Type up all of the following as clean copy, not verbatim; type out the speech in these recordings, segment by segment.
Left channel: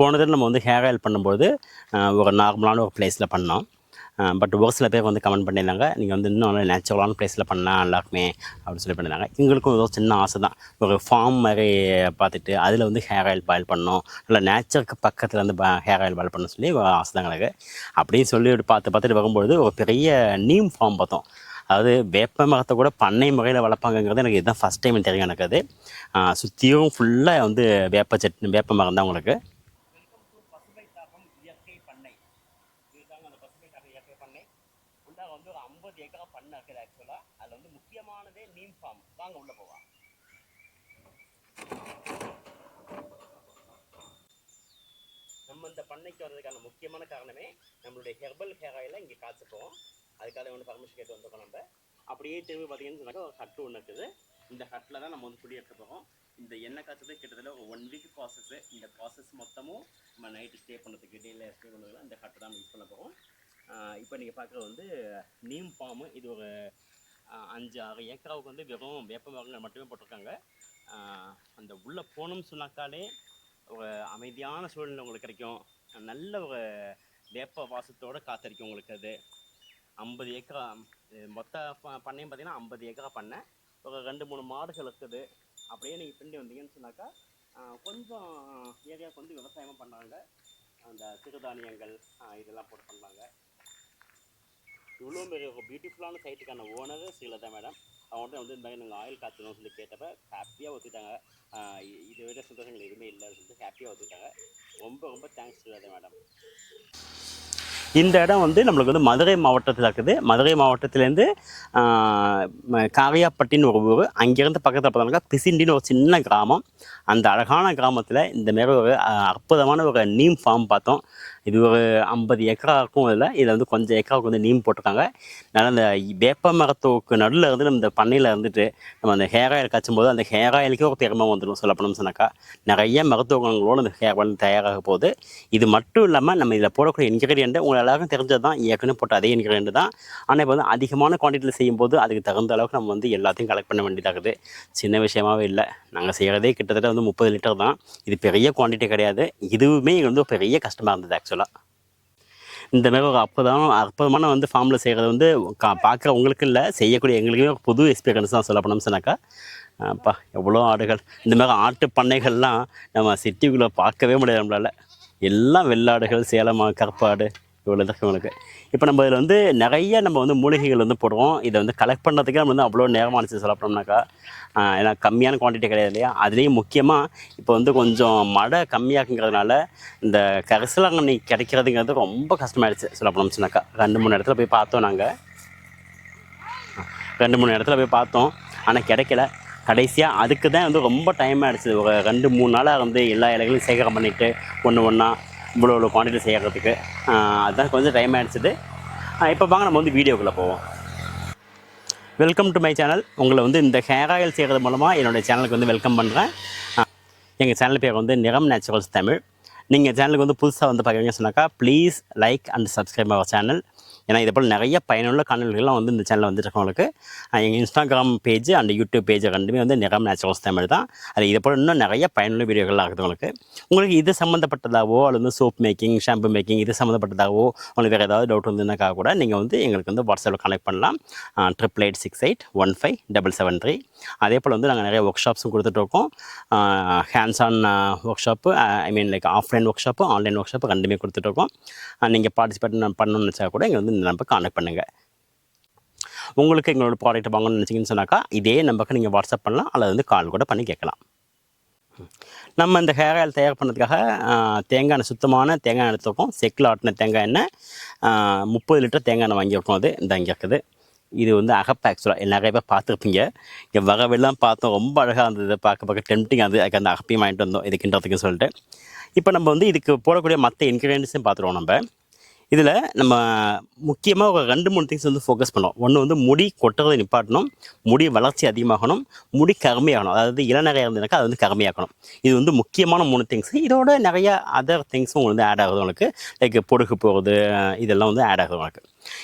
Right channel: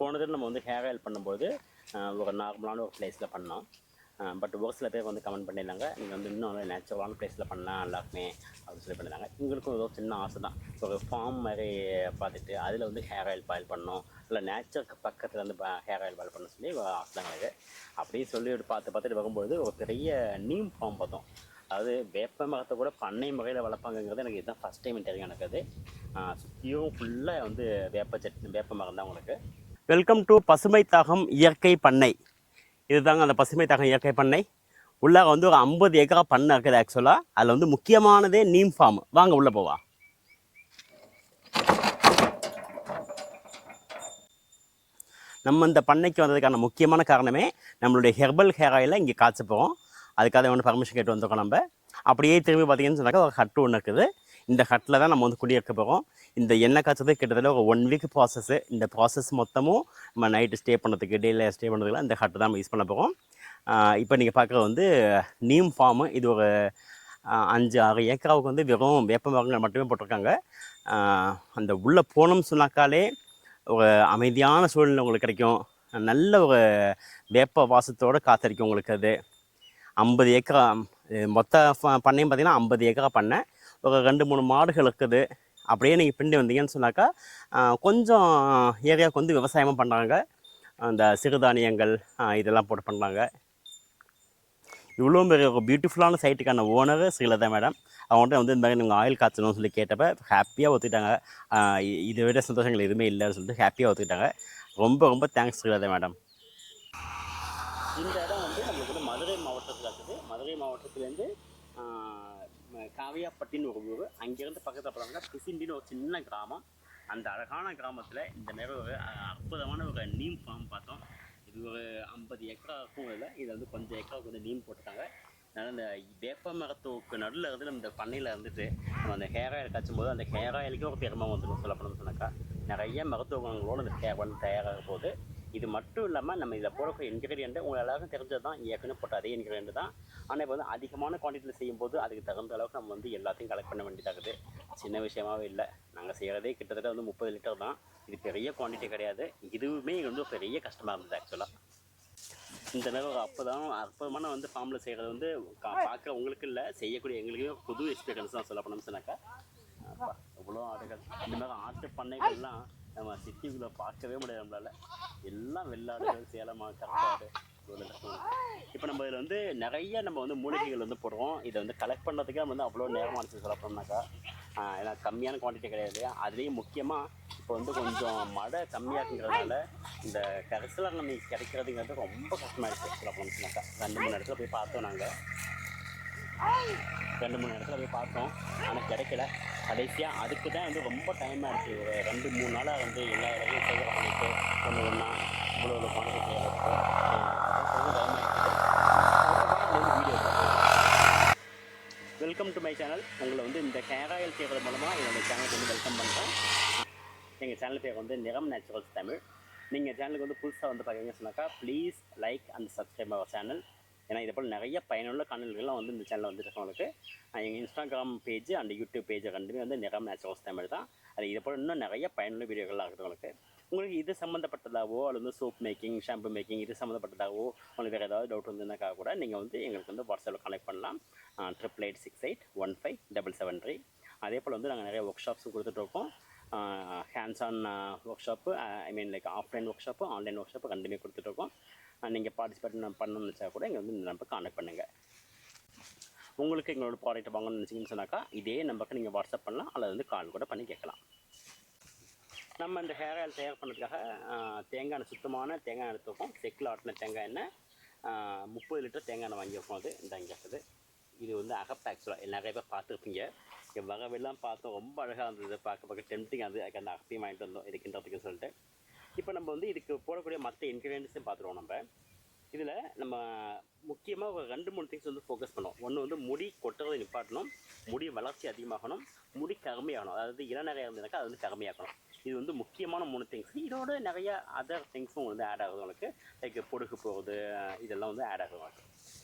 போன தடவை நம்ம வந்து ஹேர் ஆயில் பண்ணும்போது ஒரு நார்மலான ஒரு ப்ளேஸில் பண்ணோம். பட் ஒரு சில பேர் வந்து கமெண்ட் பண்ணியிருந்தாங்க, நீங்கள் வந்து இன்னும் நல்லா நேச்சுரலான ப்ளேஸில் பண்ணால் நல்லாயிருக்குமே அப்படின்னு சொல்லி பண்ணியிருந்தாங்க. எங்களுக்கும் ஒரு சின்ன ஆசை தான். ஒரு ஃபார்ம் மாதிரி பார்த்துட்டு அதில் வந்து ஹேர் ஆயில் பாயில் பண்ணணும், இல்லை நேச்சருக்கு பக்கத்தில் வந்து ஹேர் ஆயில் பாயில் பண்ணணும்னு சொல்லி ஒரு ஆசை தான் எனக்கு. அப்படியே சொல்லி பார்த்துட்டு வரும்பொழுது ஒரு பெரிய நீம் ஃபார்ம் பார்த்தோம். அதாவது வேப்ப மரத்தை கூட பண்ணை முறையில் வளர்ப்பாங்கங்கிறது எனக்கு இதுதான் ஃபஸ்ட் டைம் தெரியும் எனக்கு. அது சுற்றியும் ஃபுல்லாக வந்து வேப்ப மரம் தான் உங்களுக்கு. வெல்கம் டு பசுமை தாகம் இயற்கை பண்ணை. இதுதாங்க அந்த பசுமை தாகம் இயற்கை பண்ணை. உள்ளாக வந்து ஒரு 50 ஏக்கரா பண்ணை இருக்குது ஆக்சுவலாக. அதில் வந்து முக்கியமானதே நீம் ஃபார்ம். வாங்க உள்ளே போவா. நம்ம இந்த பண்ணைக்கு வந்ததுக்கான முக்கியமான காரணமே நம்மளுடைய ஹெர்பல் ஹேர் ஆயிலை இங்கே காய்ச்ச போகிறோம். அதுக்காக ஒன்று பர்மிஷன் கேட்டு வந்திருக்கோம் நம்ம. அப்படியே திரும்பி பார்த்தீங்கன்னு சொன்னாக்கா ஒரு ஹட்டு ஒன்று இருக்குது. இந்த ஹட்டில் தான் நம்ம வந்து குடியிருக்க போகிறோம். இந்த எண்ணெய் காய்ச்சது கிட்டத்தட்ட ஒரு 1 வீக் ப்ராசஸ்ஸு. இந்த ப்ராசஸ் மொத்தமும் நம்ம நைட்டு ஸ்டே பண்ணுறதுக்கு டேயில் ஸ்டே பண்ணுறதுக்குலாம் இந்த ஹட்டு தான் நம்ம யூஸ் பண்ண போகிறோம். இப்போ நீங்கள் பார்க்குறது வந்து நீம் ஃபார்மு. இது ஒரு 5-6 ஏக்கராவுக்கு வந்து வெறும் வேப்ப மரங்கள் மட்டுமே போட்டிருக்காங்க. அந்த உள்ளே போகணும்னு சொன்னாக்காலே ஒரு அமைதியான சூழ்நிலை உங்களுக்கு கிடைக்கும். நல்ல ஒரு வேப்ப வாசத்தோடு காத்தடிக்கும் உங்களுக்கு. அது 50 ஏக்கரா மொத்த பண்ணையும் பார்த்திங்கன்னா 50 ஏக்கரா பண்ணை. ஒரு 2-3 மாடுகள் இருக்குது. அப்படியே நீங்கள் பின்னாடி வந்தீங்கன்னு சொன்னாக்கா கொஞ்சம் ஏரியாவுக்கு வந்து விவசாயமும் பண்ணுறாங்க. அந்த சிறுதானியங்கள் இதெல்லாம் போட்டு பண்ணுறாங்க. இவ்வளோ பெரிய ஒரு பியூட்டிஃபுல்லான சைட்டுக்கான ஓனர் ஸ்ரீலதா மேடம். அவங்கள்ட்ட வந்து இந்த மாதிரி நீங்கள் ஆயில் காய்ச்சணும்னு சொல்லி கேட்டப்போ ஹாப்பியாக ஒத்துக்கிட்டாங்க. இதை விட சந்தோஷங்கள் எதுவுமே இல்லைன்னு சொல்லிட்டு ஹாப்பியாக ஒத்துக்கிட்டாங்க. ரொம்ப ரொம்ப தேங்க்ஸ் ஸ்ரீலதா மேடம். இந்த இடம் வந்து நம்மளுக்கு வந்து மதுரை மாவட்டத்தில் இருக்குது. மதுரை மாவட்டத்துலேருந்து காரியாப்பட்டின்னு ஒரு ஊர். அங்கேருந்து பக்கத்தில் பார்த்தோம்னாக்கா பிசிண்டின்னு ஒரு சின்ன கிராமம். அந்த அழகான கிராமத்தில் இந்த மாரி ஒரு அற்புதமான ஒரு நீம் ஃபார்ம் பார்த்தோம். இது ஒரு 50 ஏக்கரா இருக்கும். இதில் வந்து கொஞ்சம் ஏக்கராவுக்கு வந்து நீம் போட்டிருக்காங்க. அதனால் அந்த வேப்ப மரத்துக்கு நடுவில் இருந்து நம்ம இந்த பண்ணையில் இருந்துட்டு நம்ம அந்த ஹேர் ஆயில் காய்ச்சும் போது அந்த ஹேர் ஆயிலுக்கே ஒரு பெருமை வந்துடும் சொல்லப்போனோம்னு சொன்னாக்கா. நிறைய மருத்துவ குணங்களோடு அந்த ஹேர் ஆயில் தயாராக போகுது. இது மட்டும் இல்லாமல் நம்ம இதில் போடக்கூடிய இன்க்ரீடியண்ட்டு உங்களுக்கு எல்லாருக்கும் தெரிஞ்சது தான், ஏற்கனவே போட்ட அதே இன்க்ரீடியண்ட் தான். ஆனால் இப்போ வந்து அதிகமான குவான்டிட்டியில் செய்யும்போது அதுக்கு தகுந்த அளவுக்கு நம்ம வந்து எல்லாத்தையும் கலெக்ட் பண்ண வேண்டியதாகுது. சின்ன விஷயமாகவே இல்லை. நாங்கள் செய்கிறதே கிட்டத்தட்ட வந்து 30 லிட்டர் தான். இது பெரிய குவான்டிட்டி கிடையாது. இதுவுமே வந்து பெரிய கஷ்டமாக இருந்தது ஆக்சுவலாக. இந்த மாதிரி ஒரு அற்புதமான வந்து ஃபார்மில் செய்கிறது வந்து பார்க்குற உங்களுக்கு இல்லை, செய்யக்கூடிய எங்களுக்குமே ஒரு புது எக்ஸ்பீரியன்ஸ் தான் சொல்லப்போனோம்னு சொன்னாக்கா. அப்பா எவ்வளோ ஆடுகள்! இந்த மாதிரி ஆட்டு பண்ணைகள்லாம் நம்ம சிட்டிக்குள்ளே பார்க்கவே முடியாது நம்மளால். எல்லாம் வெள்ளாடுகள், சேலம் கருப்பாடு இவ்வளோ தான் உங்களுக்கு. இப்போ நம்ம இதில் வந்து நிறைய நம்ம வந்து மூலிகைகள் வந்து போடுவோம். இதை வந்து கலெக்ட் பண்ணுறதுக்கே நம்ம வந்து அவ்வளோ நேரமானுச்சு சொல்லப்போனோம்னாக்கா. ஏன்னா கம்மியான குவான்டிட்டி கிடையாது இல்லையா. அதுலேயும் முக்கியமாக இப்போ வந்து கொஞ்சம் மழை கம்மியாக்குங்கிறதுனால இந்த கரிசலாங்கண்ணி கிடைக்கிறதுங்கிறது ரொம்ப கஷ்டமாயிடுச்சு சொல்லப்போனோம்னு சொன்னாக்கா. 2-3 இடத்துல போய் பார்த்தோம் நாங்கள். 2-3 இடத்துல போய் பார்த்தோம், ஆனால் கிடைக்கல. கடைசியாக அதுக்கு தான் வந்து ரொம்ப டைம் ஆகிடுச்சு. ஒரு 2-3 நாளாக வந்து எல்லா இலைகளையும் சேகரம் பண்ணிவிட்டு ஒன்றா இவ்வளோ குவான்டிட்டி செய்கிறதுக்கு அதுதான் கொஞ்சம் டைம் ஆகிடுச்சிது. இப்போ வாங்க நம்ம வந்து வீடியோக்குள்ளே போவோம். Welcome to my channel. உங்களை வந்து இந்த ஹேர் ஆயில் செய்கிறது மூலமாக என்னோடய சேனலுக்கு வந்து வெல்கம் பண்ணுறேன். எங்கள் சேனல் பேர் வந்து நிறம் நேச்சுரல்ஸ் தமிழ். நீங்கள் சேனலுக்கு வந்து புதுசாக வந்து பார்க்குறீங்கன்னு சொன்னாக்கா please like and subscribe our channel. ஏன்னா இதே போல் நிறைய பயனுள்ள காணொலிகள்லாம் வந்து இந்த சேனலில் வந்துட்டு உங்களுக்கு. எங்கள் Instagram page and YouTube page ரெண்டுமே வந்து நிறம் நேச்சுரல்ஸ் தமிழ் தான். அது இதே போல் இன்னும் நிறைய பயனுள்ள வீடியோகள்லாம் இருக்குது உங்களுக்கு இது சம்மந்தப்பட்டதாகவோ அல்லது வந்து சோப் மேக்கிங், ஷாம்பு மேக்கிங் இது சம்மந்தப்பட்டதாகவோ உங்களுக்கு வேறு ஏதாவது டவுட் வந்துனாக்கா கூட நீங்கள் வந்து எங்களுக்கு வந்து வாட்ஸ்அப்பில் கனெக்ட் பண்ணலாம். 8886815773. அதே போல் வந்து நாங்கள் நிறைய ஒர்க் ஷாப்ஸும் கொடுத்துட்ருக்கோம். Hands on work shop, I mean like offline work shop, online work shop ரெண்டுமே கொடுத்துட்ருக்கோம். நீங்கள் பார்ட்டிசிபேட் பண்ணணும்னு நினச்சா கூட எங்கள் வந்து இந்த நம்பருக்கு கான்டாக்ட் பண்ணுங்கள். உங்களுக்கு எங்களோட ப்ராடக்ட் வாங்கணும்னு நினச்சிங்கன்னு சொன்னாக்கா இதே நம்பருக்கு நீங்கள் வாட்ஸ்அப் பண்ணலாம் அல்லது வந்து கால் கூட பண்ணி கேட்கலாம். நம்ம இந்த ஹேர் ஆயில் தயார் பண்ணுறதுக்காக தேங்காய் எண்ணெய், சுத்தமான தேங்காய் எண்ணெய் எடுத்துருக்கோம். செக்கில் ஆட்டின தேங்காய் எண்ணெய் 30 லிட்டர் தேங்காய் எண்ணெய் வாங்கியிருக்கோம். அது இந்த இங்கே இருக்குது. இது வந்து அகப்பு ஆக்சுவலாக நிறைய பேர் பார்த்துருப்பீங்க. இங்கே வரவெல்லாம் பார்த்தோம், ரொம்ப அழகாக இருந்தது, பார்க்க டெம்ப்டிங். அதுக்கு அந்த அகப்பையும் வாங்கிட்டு வந்தோம் இது கிண்டுறதுக்குன்னு சொல்லிட்டு. இப்போ நம்ம வந்து இதுக்கு போடக்கூடிய மற்ற இன்க்ரீடியன்ட்ஸையும் பார்த்துருவோம். நம்ம இதில் நம்ம முக்கியமாக ஒரு 2-3 திங்ஸ் வந்து ஃபோக்கஸ் பண்ணோம். ஒன்று வந்து முடி கொட்டுறதை நிப்பாட்டணும், முடி வளர்ச்சி அதிகமாகணும், முடி கருமையாகணும். அதாவது இளநரையாக இருந்ததுனாக்கா அது வந்து கருமையாக்கணும். இது வந்து முக்கியமான 3 திங்ஸ். இதோட நிறைய அதர் திங்ஸும் உங்களுக்கு வந்து ஆட் ஆகுது உங்களுக்கு. லைக் பொடுகு போகிறது இதெல்லாம் வந்து ஆட் ஆகுது உங்களுக்கு.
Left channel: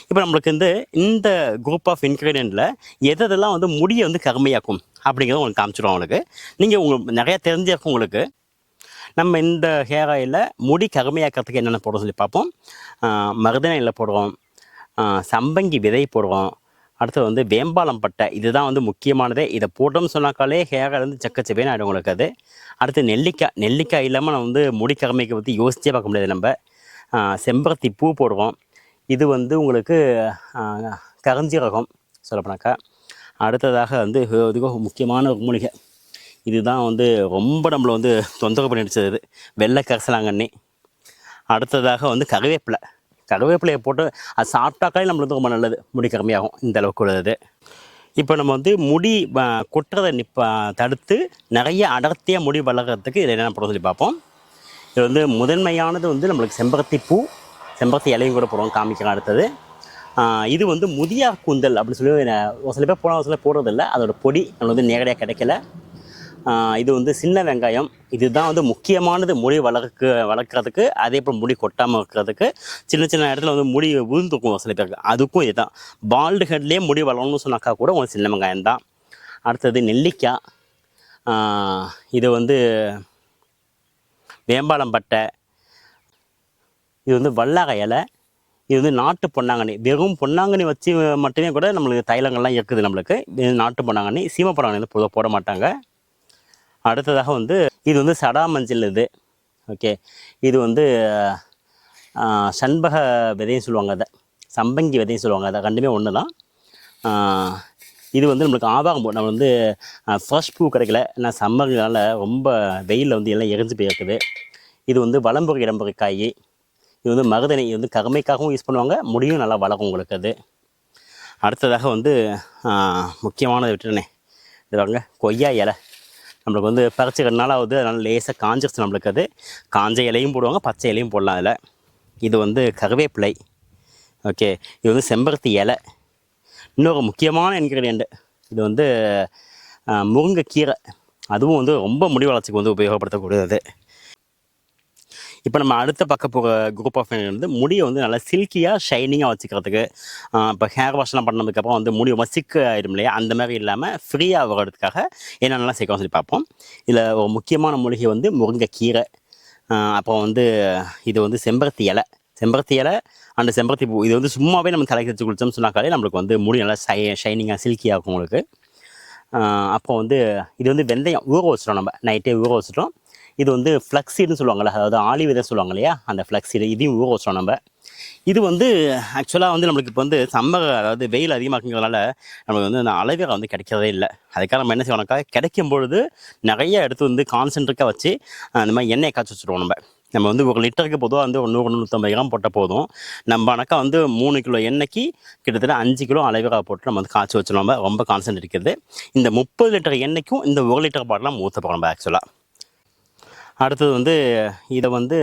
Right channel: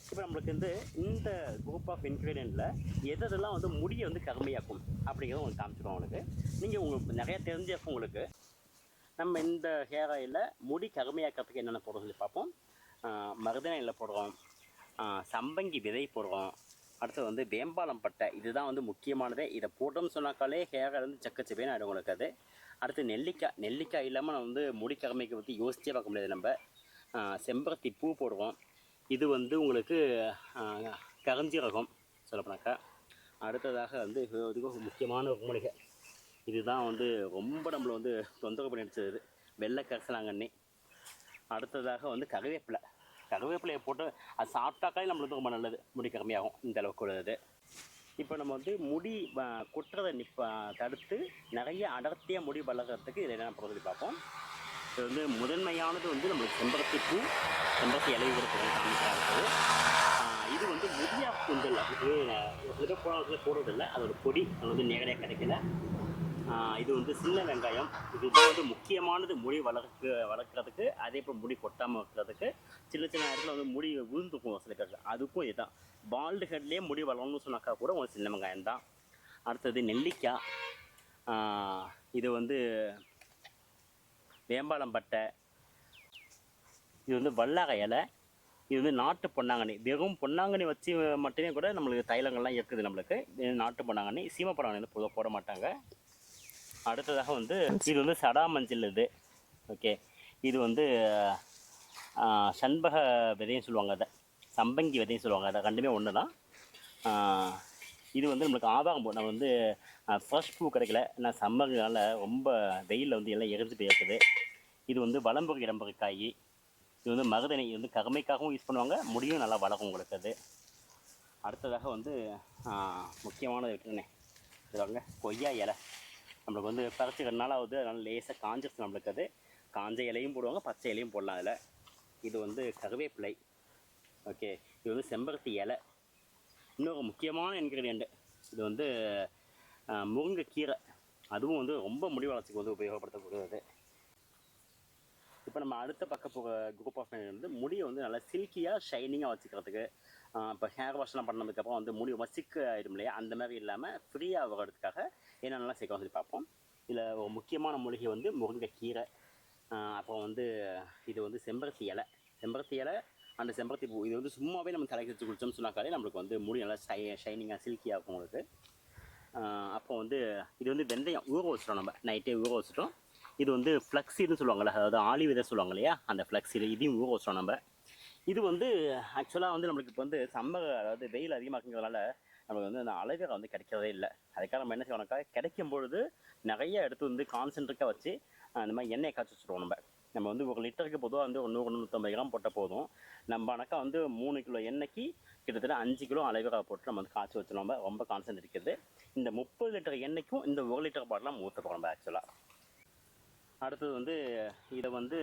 இப்போ நம்மளுக்கு இந்த குரூப் ஆஃப் இன்க்ரீடியண்ட்டில் எதெல்லாம் வந்து முடியை வந்து கருமையாக்கும் அப்படிங்கிறத உங்களுக்கு காமிச்சிடும் உங்களுக்கு. நீங்கள் உங்களுக்கு நிறையா தெரிஞ்சிருக்கும் உங்களுக்கு. நம்ம இந்த ஹேர் ஆயிலில் முடி கருமையாக்கிறதுக்கு என்னென்ன போடுறோம் சொல்லி பார்ப்போம். மருதாணி இலை போடுறோம், சம்பங்கி விதை போடுறோம், அடுத்தது வந்து வேம்பாலம் பட்டை. இதுதான் வந்து முக்கியமானதே. இதை போட்டோம்னு சொன்னாக்காலே ஹேர் வந்து செக்கச்செவேன்னு ஆகிடும் உங்களுக்கு அது. அடுத்து நெல்லிக்காய். நெல்லிக்காய் இல்லாமல் நம்ம வந்து முடி கருமைக்கு பற்றி யோசிச்சே பார்க்க முடியாது நம்ம. செம்பருத்தி பூ போடுவோம். இது வந்து உங்களுக்கு கருஞ்சீரகம் சொல்லப்போனாக்கா. அடுத்ததாக வந்து இதுக்கும் முக்கியமான ஒரு மூலிகை. இதுதான் வந்து ரொம்ப நம்மளை வந்து தொந்தரவு பண்ணிடுச்சது. இது வெள்ளை கரிசலாங்கண்ணி. அடுத்ததாக வந்து கருவேப்பிலை. கருவேப்பிலையை போட்டு அது சாப்பிட்டாக்காலே நம்மளுக்கு வந்து ரொம்ப நல்லது, முடி கம்மியாகும் இந்த அளவுக்கு உள்ளது. இப்போ நம்ம வந்து முடி கொட்டுறதை தடுத்து நிறைய அடர்த்தியாக முடி வளர்கிறதுக்கு இதில் என்னென்ன போட சொல்லி பார்ப்போம். இது வந்து முதன்மையானது வந்து நம்மளுக்கு செம்பருத்தி பூ, செம்பருத்தி இலையும் கூட போடுவோம், காமிக்கலாம். அடுத்தது இது வந்து முதியார் கூந்தல் அப்படின்னு சொல்லி ஒரு சில பேர் ஒரு சில போடுறதில்ல, அதோட பொடி நம்மளுக்கு வந்து நேரடியாக கிடைக்கல. இது வந்து சின்ன வெங்காயம். இதுதான் வந்து முக்கியமானது முடி வளர்க்குறதுக்கு. அதே போல் முடி கொட்டாமல் இருக்கிறதுக்கு. சின்ன சின்ன இடத்துல வந்து முடி விழுந்துக்கும் சில பேருக்கு, அதுக்கும் இதுதான். பால்டு ஹெட்லேயே முடி வளரணும்னு சொன்னாக்கா கூட உங்களுக்கு சின்ன வெங்காயம் தான். அடுத்தது நெல்லிக்காய். இது வந்து வேம்பாலம் பட்டை. இது வந்து வல்லார இலை. இது வந்து நாட்டு பொன்னாங்கண்ணி. வெறும் பொன்னாங்கண்ணி வச்சு மட்டுமே கூட நம்மளுக்கு தைலங்கள்லாம் இருக்குது நம்மளுக்கு. இது நாட்டு பொன்னாங்கண்ணி. சீமை பொன்னாங்கண்ணி வந்து பொதுவாக போட மாட்டாங்க. அடுத்ததாக வந்து இது வந்து சடா மஞ்சள். இது ஓகே. இது வந்து சண்பக விதையும் சொல்லுவாங்க, அதை சம்பங்கி விதையும் சொல்லுவாங்க. அதை ரெண்டுமே ஒன்று தான். இது வந்து நம்மளுக்கு ஆவாகம் பூ. நம்ம வந்து ஃப்ரெஷ் பூ கிடைக்கல, ஏன்னா சம்மர்னால ரொம்ப வெயிலில் வந்து எல்லாம் எரிஞ்சு போயிருக்குது. இது வந்து வலம்புரி இடம்புரி காய். இது வந்து மருதணி. இது வந்து கருமைக்காகவும் யூஸ் பண்ணுவாங்க, முடியும் நல்லா வளரும் உங்களுக்கு அது. அடுத்ததாக வந்து முக்கியமானதை விட்டுருனே, இது வாங்க கொய்யா இலை. நம்மளுக்கு வந்து பறிச்சு 2 நாள் ஆகுது, அதனால் லேசாக காஞ்சிருச்சு நம்மளுக்கு அது. காஞ்ச இலையும் போடுவாங்க, பச்சை இலையும் போடலாம் அதில். இது வந்து கருவேப்பிலை. ஓகே. இது வந்து செம்பருத்தி இலை. இன்னொரு முக்கியமான இன்க்ரீடியண்ட்டு, இது வந்து முருங்கைக்கீரை. அதுவும் வந்து ரொம்ப முடி வளர்ச்சிக்கு வந்து உபயோகப்படுத்தக்கூடியது. இப்போ நம்ம அடுத்த பக்கம் போகிற குரூப் ஆஃப் வந்து முடியை வந்து நல்லா சில்கியாக ஷைனிங்காக வச்சுக்கிறதுக்கு. இப்போ ஹேர் வாஷ்லாம் பண்ணதுக்கப்புறம் வந்து முடி ரொம்ப சிக்கு ஆகிடும் இல்லையா, அந்த மாதிரி இல்லாமல் ஃப்ரீயாக வர்றதுக்காக என்னென்னலாம் சேர்க்கணும் சொல்லி பார்ப்போம். இதில் ஒரு முக்கியமான மூலிகை வந்து முருங்கைக்கீரை. அப்புறம் வந்து இது வந்து செம்பருத்தி இலை. செம்பருத்தி இலை அண்ட் செம்பருத்தி பூ. இது வந்து சும்மாவே நம்ம தலைக்கு வச்சு குளித்தோம்னு சொன்னாக்காலே நம்மளுக்கு வந்து முடி நல்லா ஷைனிங்காக சில்கியாக இருக்கும் உங்களுக்கு. அப்போ வந்து இது வந்து வெந்தயம் ஊற வச்சிட்டோம், நம்ம நைட்டே ஊற வச்சிட்டோம். இது வந்து ஃப்ளக்ஸீடுன்னு சொல்லுவாங்கள்ல, அதாவது ஆலி விதை சொல்லுவாங்க இல்லையா, அந்த ஃப்ளக்ஸீடு. இதையும் ஊற வச்சோம் நம்ம. இது வந்து ஆக்சுவலாக வந்து நம்மளுக்கு இப்போ வந்து சம்மர், அதாவது வெயில் அதிகமாக்குங்கிறதுனால நம்மளுக்கு வந்து அந்த அலோவேரா வந்து கிடைக்கிறதே இல்லை. அதுக்காக நம்ம என்ன செய்வோம்னாக்கா, கிடைக்கும் பொழுது நிறைய எடுத்து வந்து கான்சென்ட்ரேட்டாக வச்சு அந்த மாதிரி எண்ணெயை காய்ச்சி வச்சுருவோம். நம்ம வந்து 1 லிட்டருக்கு பொதுவாக வந்து ஒரு 100-150 கிராம் போட்டால் போதும். நம்ம ஆனாக்கா வந்து 3 கிலோ எண்ணெய்க்கு கிட்டத்தட்ட 5 கிலோ அலோவேரா போட்டு நம்ம வந்து காய்ச்சி வச்சுருவோம். ரொம்ப கான்சென்ட்ரேட் இருக்குது. இந்த 30 லிட்டர் எண்ணெய்க்கும் இந்த 1 லிட்டர் பாட்டிலாம் ஊற்ற போகிறோம் நம்ம ஆக்சுவலாக. அடுத்தது வந்து இதை வந்து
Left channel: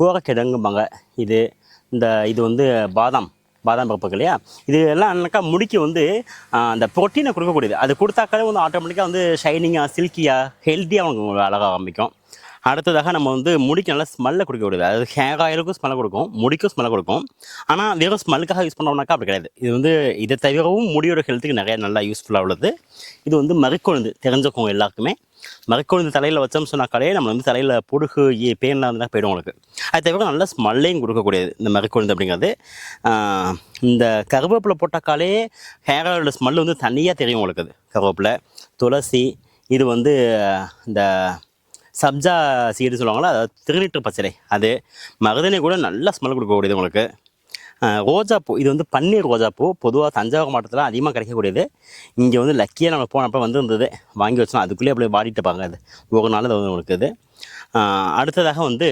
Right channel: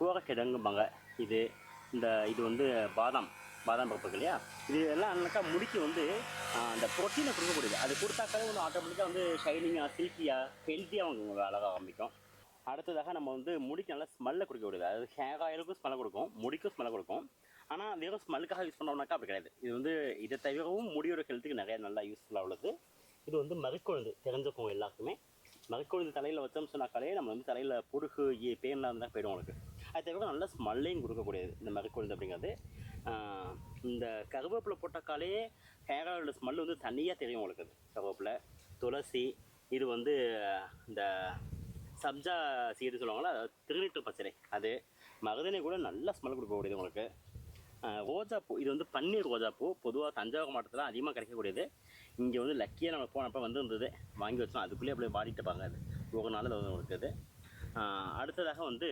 கூரக்கிழங்கும்பாங்க. இது வந்து பாதாம் பருப்புக்கு இல்லையா, இது எல்லாம் என்னக்கா முடிக்கு வந்து அந்த ப்ரோட்டீனை கொடுக்கக்கூடியது. அது கொடுத்தாக்காலே வந்து ஆட்டோமேட்டிக்காக வந்து ஷைனிங்காக சில்கியாக ஹெல்த்தியாக அவங்க அழகாக ஆரம்பிக்கும். அடுத்ததாக நம்ம வந்து முடிக்கு நல்லா ஸ்மெல்லை கொடுக்கக்கூடியது. அதாவது ஹேர் ஆயிலுக்கும் ஸ்மெல்லை கொடுக்கும், முடிக்கும் ஸ்மெல்லை கொடுக்கும். ஆனால் வெறும் ஸ்மெல்லுக்காக யூஸ் பண்ணோம்னாக்கா அப்படி கிடையாது. இது வந்து இதை தவிரவும் முடியோட ஹெல்த்துக்கு நிறைய நல்லா யூஸ்ஃபுல்லாக உள்ளது. இது வந்து மறிக்கொழுந்து தெரிஞ்சுக்கோங்க எல்லாருக்குமே. மறிக்கொழுந்து தலையில் வச்சோம்னு சொன்னாக்காலே நம்ம வந்து தலையில் பொடுகு பேன்லாம் இருந்தால் போய்டும் உங்களுக்கு. அது தவிர நல்ல ஸ்மெல்லையும் கொடுக்கக்கூடியது இந்த மறிக்கொழுந்து அப்படிங்கிறது. இந்த கருவேப்பிலை போட்டாக்காலே ஹேர் ஆயிலோட ஸ்மெல் வந்து தனியாக தெரியும் உங்களுக்கு. அது கருவேப்பிலை, துளசி. இது வந்து இந்த சப்ஜா சீடு சொல்லுவாங்களா, அதாவது திருநீற்று பச்சிலை. அது மருதனை கூட நல்லா ஸ்மெல் கொடுக்கக்கூடியது உங்களுக்கு. ரோஜாப்பூ. இது வந்து பன்னீர் ரோஜாப்பூ. பொதுவாக தஞ்சாவூர் மாவட்டத்தில் அதிகமாக கிடைக்கக்கூடியது. இங்கே வந்து லக்கியாக நம்ம போனப்போ வந்துருந்தது, வாங்கி வச்சோம். அதுக்குள்ளேயே அப்படியே வாடிட்டு பாங்க. அது ஒரு நாள் அது வந்து உங்களுக்கு இது. அடுத்ததாக வந்து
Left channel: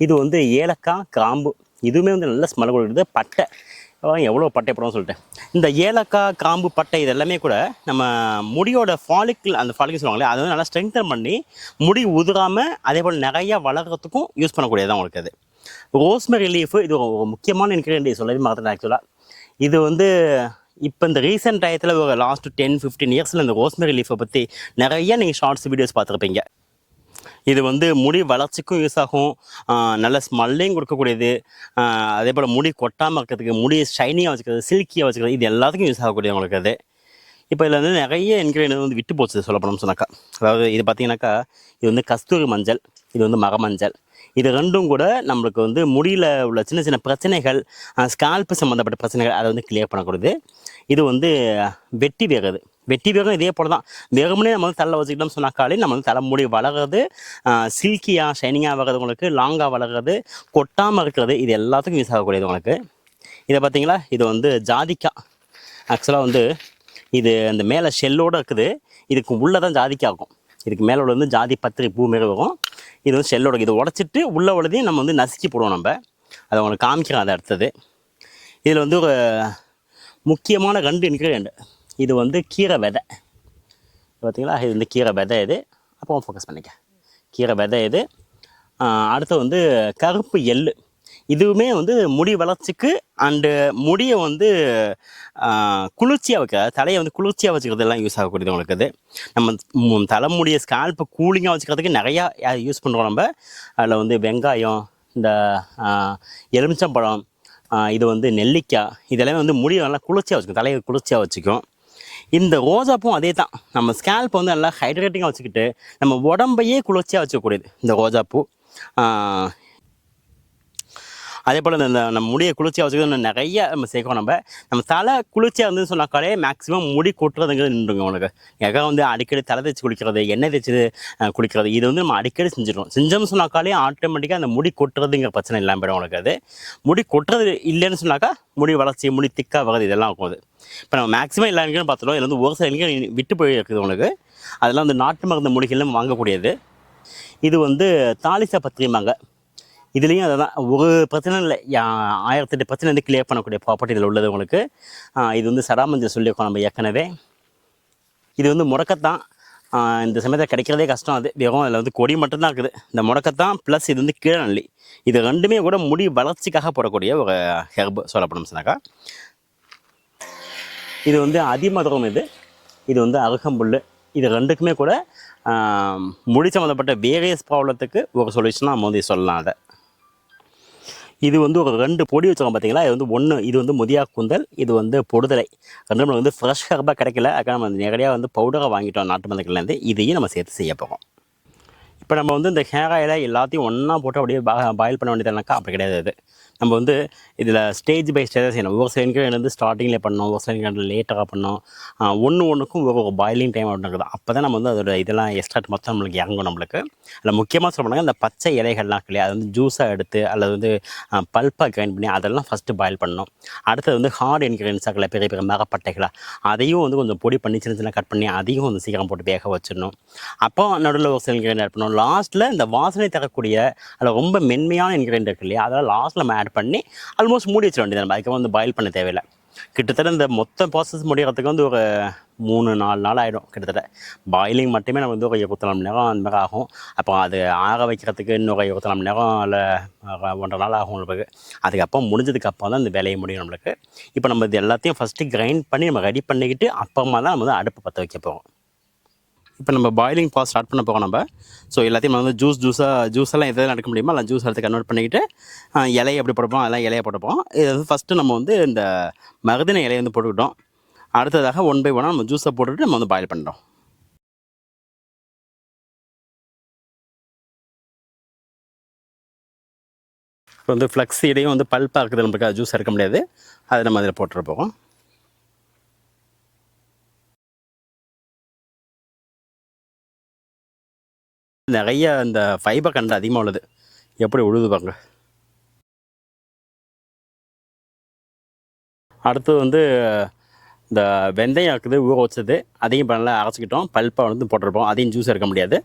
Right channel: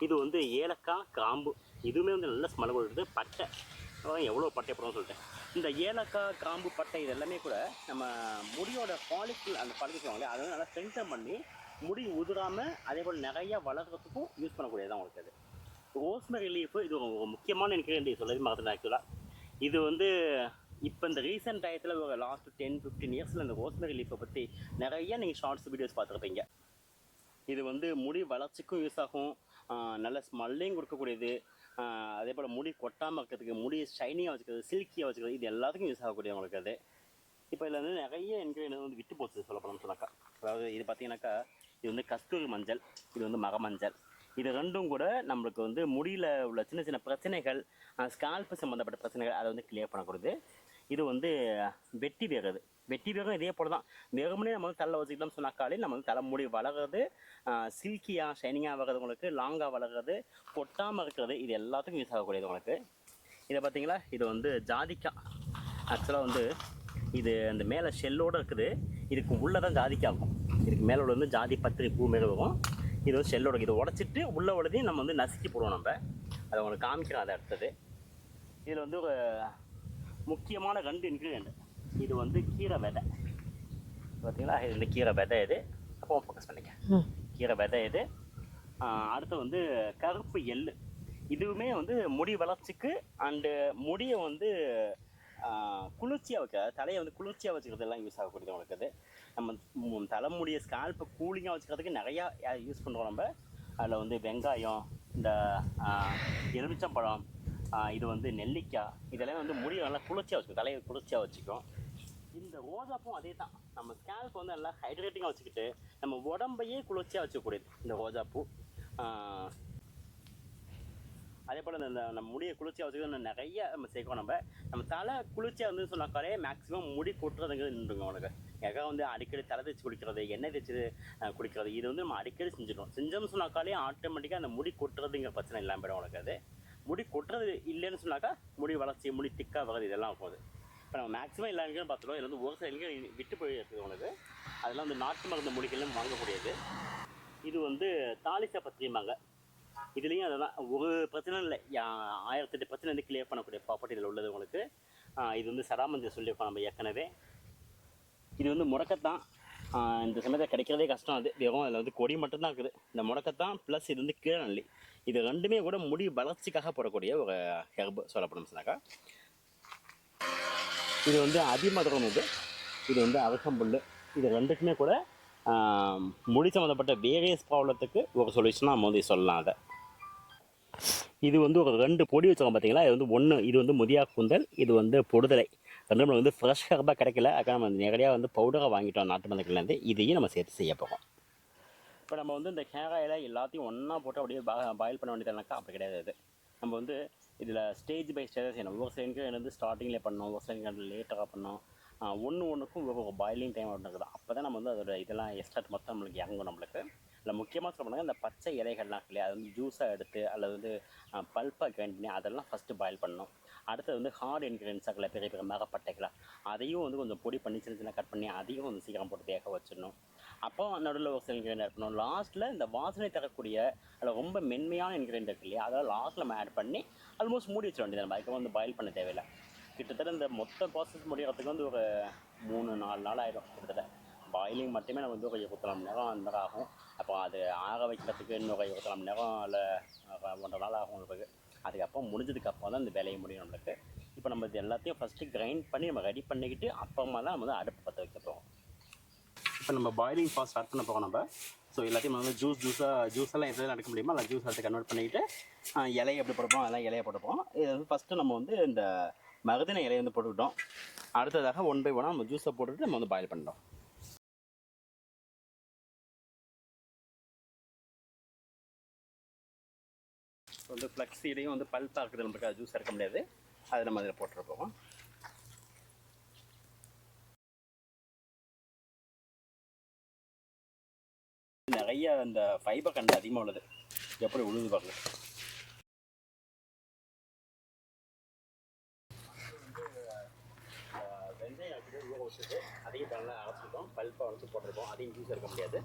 இது வந்து ஏலக்காய், கிராம்பு. இதுவுமே வந்து நல்ல ஸ்மெல் கொடுக்குறது. பட்டை, எவ்வளோ பட்டை போடுவோம்னு சொல்லிட்டு. இந்த ஏலக்காய், கிராம்பு, பட்டை இது எல்லாமே கூட நம்ம முடியோட ஃபாலிக்கிள், அந்த ஃபாலிக்கிள் சொல்லுவாங்களே, அதை வந்து நல்லா ஸ்ட்ரெங்தன் பண்ணி முடி உதிராமல் அதே போல் நிறையா வளர்கிறதுக்கும் யூஸ் பண்ணக்கூடியதான் உங்களுக்கு. அது ரோஸ்மெரி லீஃபு. இது ஒரு முக்கியமான இன்க்ரீடியன்ட், சொல்லவே மறந்துட்டேன் ஆக்சுவலாக. இது வந்து இப்போ இந்த ரீசெண்ட் டயத்தில் ஒரு லாஸ்ட் 10-15 இயர்ஸில் இந்த ரோஸ்மெரி லீஃபை பற்றி நிறைய நீங்கள் ஷார்ட்ஸ் வீடியோஸ் பார்த்துருப்பீங்க. இது வந்து முடி வளர்ச்சிக்கும் யூஸ் ஆகும், நல்ல ஸ்மெல்லையும் கொடுக்கக்கூடியது. அதே போல் முடி கொட்டாமல் இருக்கிறதுக்கு, முடி ஷைனிங்காக வச்சுக்கிறது, சில்கியாக வச்சுக்கிறது, இது எல்லாத்துக்கும் யூஸ் ஆகக்கூடிய உங்களுக்கு. அது இப்போ இதில் வந்து நிறைய இன்க்ரீடியன்ட் வந்து விட்டு போச்சு சொல்லப்போனோம்னு சொன்னாக்கா. அதாவது இது பார்த்தீங்கன்னாக்கா, இது வந்து கஸ்தூரி மஞ்சள், இது வந்து மரமஞ்சள். இது 2ம் கூட நம்மளுக்கு வந்து முடியில உள்ள சின்ன சின்ன பிரச்சனைகள், ஸ்கால்ப் சம்மந்தப்பட்ட பிரச்சனைகள் அத வந்து கிளியர் பண்ணக்கூடியது. இது வந்து வெட்டி வேர் அது. வெட்டி வேரும் இதே போல தான். வெறுமனே நம்ம வந்து தலைல வச்சுக்கிட்டோம்னு சொன்னாக்காலே நம்ம வந்து தலைமுடி வளர்றது, சில்கியா, ஷைனிங்கா வர்றது உங்களுக்கு, லாங்கா வளர்றது, கொட்டாம இருக்கிறது, இது எல்லாத்துக்கும் யூஸ் ஆகக்கூடியது உங்களுக்கு. இத பார்த்தீங்களா? இது வந்து ஜாதிக்காய். ஆக்சுவலா வந்து இது அந்த மேலே ஷெல்லோட இருக்குது. இதுக்கு உள்ள தான் ஜாதிக்காய் இருக்கும். இதுக்கு மேல உள்ளது வந்து ஜாதி பத்திரி பூ மாரி வரும். இது வந்து ஷெல்லோட இத உடைச்சிட்டு உள்ள உள்ளதையும் நம்ம வந்து நசுக்கி போடுவோம் நம்ப. அத உங்களுக்கு காமிக்கிறேன் அத அடுத்தது. இதில வந்து ஒரு முக்கியமான 2 இன்கிரியன்ட். இது வந்து கீரை விதை. பார்த்தீங்களா? இது வந்து கீரை விதை இது. அப்போ ஃபோக்கஸ் பண்ணிக்க. கீரை விதை இது. அடுத்து வந்து கருப்பு எள்ளு. இதுவுமே வந்து முடி வளர்ச்சிக்கு அண்டு முடிய வந்து குளிர்ச்சியா வைக்க, தலைய வந்து குளிர்ச்சியா வச்சுக்கிறதெல்லாம் யூஸ் ஆகக்கூடியது உங்களுக்கு இது. நம்ம தலைமுடிய ஸ்கால்ப்ப கூலிங்கா வச்சுக்கிறதுக்கு நெறையா யூஸ் பண்ணுறோம் நம்ப. அதில் வந்து வெங்காயம், இந்த எலுமிச்சம்பழம், இது வந்து நெல்லிக்காய், இதெல்லாமே வந்து முடிய நல்லா குளிர்ச்சியா வச்சுக்கும். தலைய குளிர்ச்சியா வச்சுக்கும். இந்த ரோஜாப்பூவும் அதே தான். நம்ம ஸ்கேல்ப் வந்து நல்லா ஹைட்ரேட்டிங்கா வச்சுக்கிட்டு, நம்ம உடம்பையே குளிர்ச்சியா வச்சுக்கக்கூடியது இந்த ரோஜாப்பூ. ஆ அதேபோல் இந்த நம்ம முடிய குளிர்ச்சியா வச்சுக்கிறது இன்னும் நிறைய நம்ம சேர்க்கணும் நம்ம. நம்ம தலை குளிர்ச்சியா இருந்ததுன்னு சொன்னாக்காலே மேக்ஸிமம் முடி கொட்டுறதுங்கிறது நின்றுங்க உனக்கு. எங்கே வந்து அடிக்கடி தலை தேய்ச்சி குளிக்கிறது, எண்ணெய் தேய்ச்சி குளிக்கிறது, இது வந்து நம்ம அடிக்கடி செஞ்சிடுறோம். செஞ்சோம்னு சொன்னாக்காலே ஆட்டோமேட்டிக்காக அந்த முடி கொட்டுறதுங்கிற பிரச்சனை இல்லாமல் போயிடும் உனக்கு அது. முடி கொட்டுறது இல்லைன்னு சொன்னாக்கா முடி வளர்ச்சி, முடி திக்காக வர்றது இதெல்லாம் இருக்கும் அது. இப்போ நம்ம மேக்ஸிமம் எல்லா எங்கேயும் பார்த்துட்டோம். இதில் வந்து ஒரு சில எங்கேயும் விட்டு போய் இருக்குது உனக்கு. அதெல்லாம் வந்து நாட்டு மருந்து மூலிகைலாம் வாங்கக்கூடியது. இது வந்து தாலிசா பத்திரிம்பாங்க. இதுலேயும் அதுதான் ஒரு பிரச்சனை இல்லை. 1008 பிரச்சனை வந்து கிளியர் பண்ணக்கூடிய ப்ராப்பர்ட்டி இதில் உள்ளது உங்களுக்கு. இது வந்து சடாமஞ்சள் சொல்லியிருக்கோம் நம்ம ஏற்கனவே. இது வந்து முடக்கத்தான். இந்த சமயத்தில் கிடைக்கிறதே கஷ்டம் அது. வெறும் அதில் வந்து கொடி மட்டும்தான் இருக்குது. இந்த முடக்கத்தான் ப்ளஸ் இது வந்து கீழநெல்லி. இது 2மே கூட முடி வளர்ச்சிக்காக போடக்கூடிய ஒரு ஹெர்ப் சொல்லப்படும் சொன்னாக்கா. இது வந்து அதிமதுரம் இது. இது வந்து அருகம்புல். இது 2க்குமே கூட முடி சம்மந்தப்பட்ட வேரியஸ் ப்ராப்ளத்துக்கு ஒரு சொல்யூஷனாக நம்ம வந்து சொல்லலாம் அதை. இது வந்து ஒரு 2 பொடி வச்சுருக்கோம் பார்த்தீங்களா? இது வந்து 1 இது வந்து முதியா கூந்தல், இது வந்து பொடுதலை. 2ம் நமக்கு வந்து ஃப்ரெஷ் ஹெர்பாக கிடைக்கல. அதுக்காக நம்ம நேரடியாக வந்து பவுடராக வாங்கிட்டோம் நாட்டு மருந்துகள்லேருந்து. இதையும் நம்ம சேர்த்து செய்ய போகிறோம். இப்போ நம்ம வந்து இந்த ஹேர் ஆயிலை எல்லாத்தையும் ஒன்றா போட்டு அப்படியே பாயில் பண்ண வேண்டியதுனாக்கா அப்படி கிடையாது இது. நம்ம வந்து இதில் ஸ்டேஜ் பை ஸ்டேஜாக செய்யணும். ஒரு சில இன்க்ரீடியன்ட் வந்து ஸ்டார்டிங்லேயே பண்ணணும், ஒரு சில இன்க்ரீடியன்ட் லேட்டராக பண்ணணும். ஒன்றுக்கும் ஒரு பாயிலிங் டைம் அப்படின்னு இருக்குது. அப்போ தான் நம்ம வந்து அதோட இதெல்லாம் எக்ஸ்ட்ராக்ட் மொத்தம் நம்மளுக்கு இறங்கும் நம்மளுக்கு. அதில் முக்கியமாக சொல்ல போனாங்க இந்த பச்சை இலைகள்லாம் இருக்கு இல்லையா, அது வந்து ஜூஸாக எடுத்து அல்லது வந்து பல்ப்பாக கிரைண்ட் பண்ணி அதெல்லாம் ஃபஸ்ட்டு பாயில் பண்ணணும். அடுத்தது வந்து ஹார்ட் இன்க்ரீடியன்ஸாக இருக்கல, பெரிய பெரிய மரப்பட்டைகளா, அதையும் வந்து கொஞ்சம் பொடி பண்ணி சின்ன சின்ன கட் பண்ணி அதையும் வந்து சீக்கிரம் போட்டு வேக வச்சிடணும். அப்போ நடுவில் ஒரு சில இன்க்ரீடியன்ட் ஆட் பண்ணணும். லாஸ்ட்டில் இந்த வாசனை தரக்கூடிய அதில் ரொம்ப மென்மையான இன்க்ரீடியன்ட் இருக்கு இல்லையா, அதெல்லாம் லாஸ்ட்டில் நம்ம ஆட் பண்ணி ஆல்மோஸ்ட் மூடி வச்சிட வேண்டியது. நம்ம அதுக்கு வந்து பாயில் பண்ண தேவையில்லை. கிட்டத்தட்ட இந்த மொத்த ப்ராசஸ் முடிகிறதுக்கு வந்து ஒரு 3-4 நாள் ஆகிடும் கிட்டத்தட்ட. பாயிலிங் மட்டுமே நம்ம வந்து ஒரு 24 மணி நேரம் அந்த மாதிரி ஆகும். அப்போ அது ஆற வைக்கிறதுக்கு இன்னொரு 24 மணி நேரம் இல்லை 1.5 நாள் ஆகும் நம்மளுக்கு. அதுக்கப்புறம் முடிஞ்சதுக்கப்புறம் தான் இந்த வேலையை முடியும் நம்மளுக்கு. இப்போ நம்ம இது எல்லாத்தையும் ஃபஸ்ட்டு கிரைண்ட் பண்ணி நம்ம ரெடி பண்ணிக்கிட்டு அப்புறமா தான் நம்ம வந்து அடுப்பு பற்ற வைக்க போகிறோம். இப்போ நம்ம பாயிலிங் ப்ராசஸ் ஸ்டார்ட் பண்ண போகிறோம் நம்ம. ஸோ எல்லாத்தையும் நம்ம வந்து ஜூஸெல்லாம் எதெல்லாம் எடுக்க முடியுமோ எல்லாம் ஜூஸ் எடுத்து கன்வெர்ட் பண்ணிக்கிட்டு இலையை எப்படி போட்டுப்போம் அதெல்லாம் இலையை போட்டுப்போம். இது வந்து ஃபஸ்ட்டு நம்ம வந்து இந்த மருதின இலையை வந்து போட்டுக்கிட்டோம். அடுத்ததாக 1 by 1 நம்ம ஜூஸை போட்டுட்டு நம்ம வந்து பாயில் பண்ணுறோம். இப்போ வந்து ஃப்ளக்ஸ் இடையும் வந்து பல்ப்பாக இருக்குது, நமக்கு ஜூஸ் எடுக்க முடியாது. அதை நம்ம அதில் போட்டுற போகிறோம். நிறைய இந்த ஃபைபர் கண்டு அதிகமாக உள்ளது. எப்படி உழுது பாருங்க. அடுத்தது வந்து இந்த வெந்தயம் இருக்குது ஊற வச்சது, அதையும் இப்போ நல்லா அரைச்சிக்கிட்டோம். பல்ப்பாக வந்து போட்டிருப்போம். அதையும் ஜூஸ் எடுக்க முடியாது.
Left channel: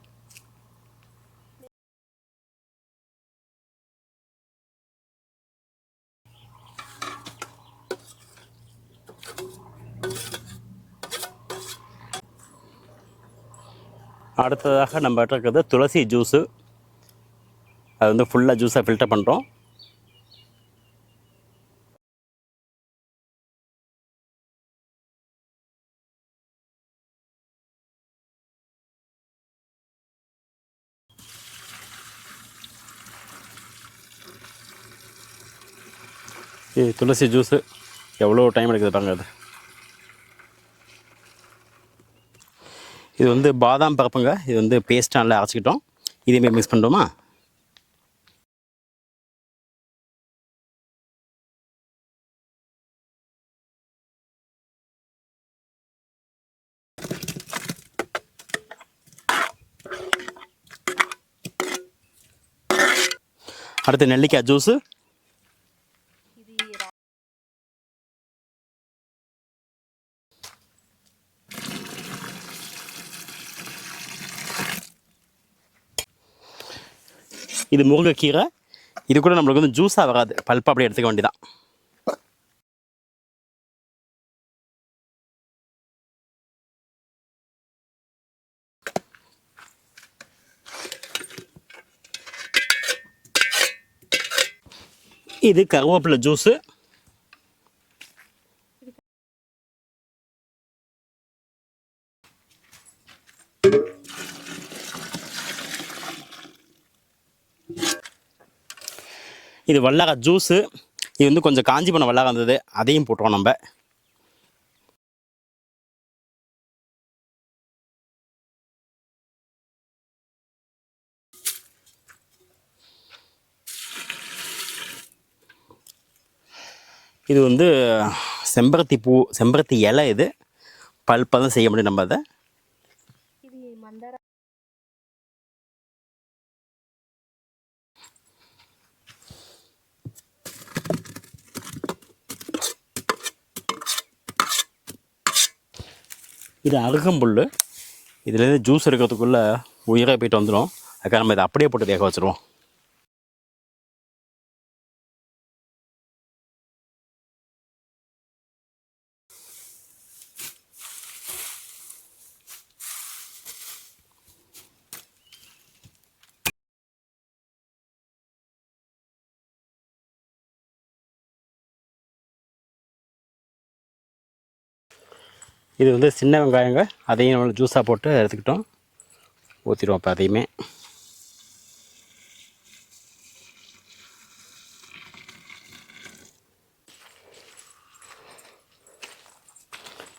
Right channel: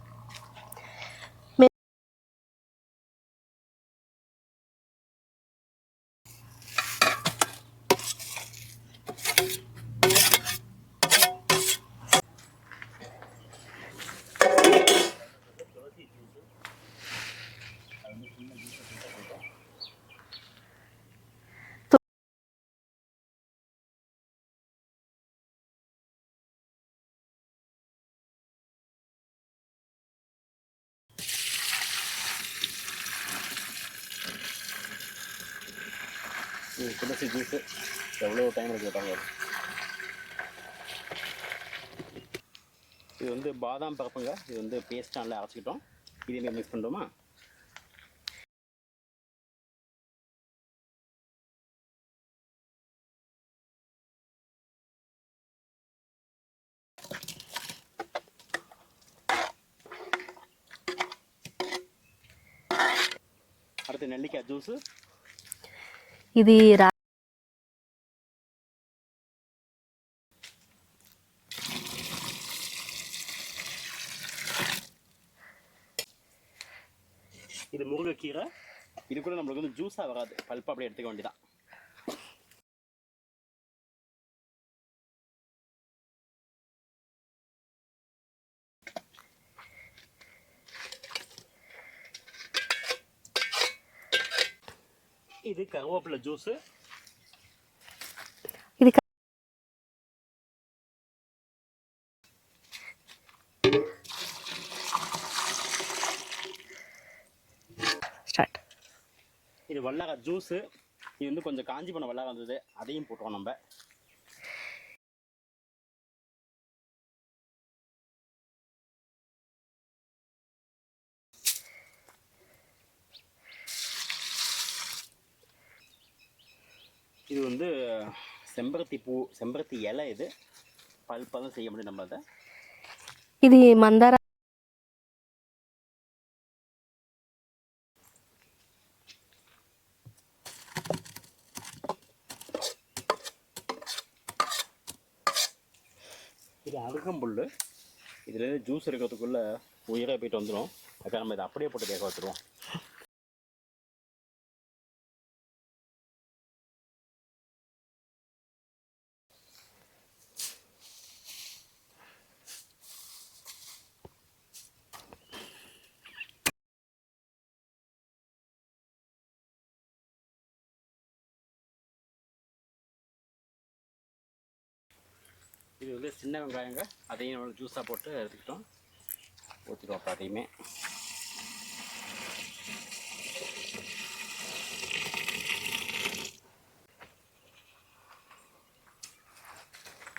அடுத்ததாக நம்ம இருக்கிறது துளசி ஜூஸு. அது வந்து ஃபுல்லாக ஜூஸாக ஃபில்டர் பண்ணுறோம். இது துளசி ஜூஸு எவ்வளோ டைம் எடுக்குது பாருங்க அது. இது வந்து பாதாம் பருப்புங்க. இது வந்து பேஸ்ட் நல்லா அரைச்சிக்கிட்டோம். இதேமாரி மிக்ஸ் பண்ணுறோமா? அடுத்து நெல்லிக்காய் ஜூஸு. இது இது முருங்கைக்கீரை. இது கூட நம்மளுக்கு வந்து ஜூஸாக வராது, பல்ப்பாக அப்படியே எடுத்துக்க வேண்டியதான். இது கருவேப்பிலை ஜூஸு. இது ஸ்டார்ட். இது வல்லாக்காய் ஜூஸு. இது வந்து கொஞ்சம் காஞ்சி போன வல்லாக்காய் இருந்தது, அதையும் போட்டுருவோம் நம்ம. இது வந்து செம்பருத்தி பூ, செம்பருத்தி இலை. இது பல்ப்பாக தான் செய்ய முடியும் நம்ம அதை. இது மந்தார. இது அருகம்புல். இதுலேருந்து ஜூஸ் எடுக்கிறதுக்குள்ளே உயிராக போயிட்டு வந்துடும். அதுக்காக நம்ம இதை அப்படியே போட்டு தேக்க வச்சுருவோம். இது வந்து சின்ன வெங்காயங்க, அதையும் நம்ம ஜூஸாக போட்டு எடுத்துக்கிட்டோம். ஊற்றிடுவோம் இப்போ அதையுமே.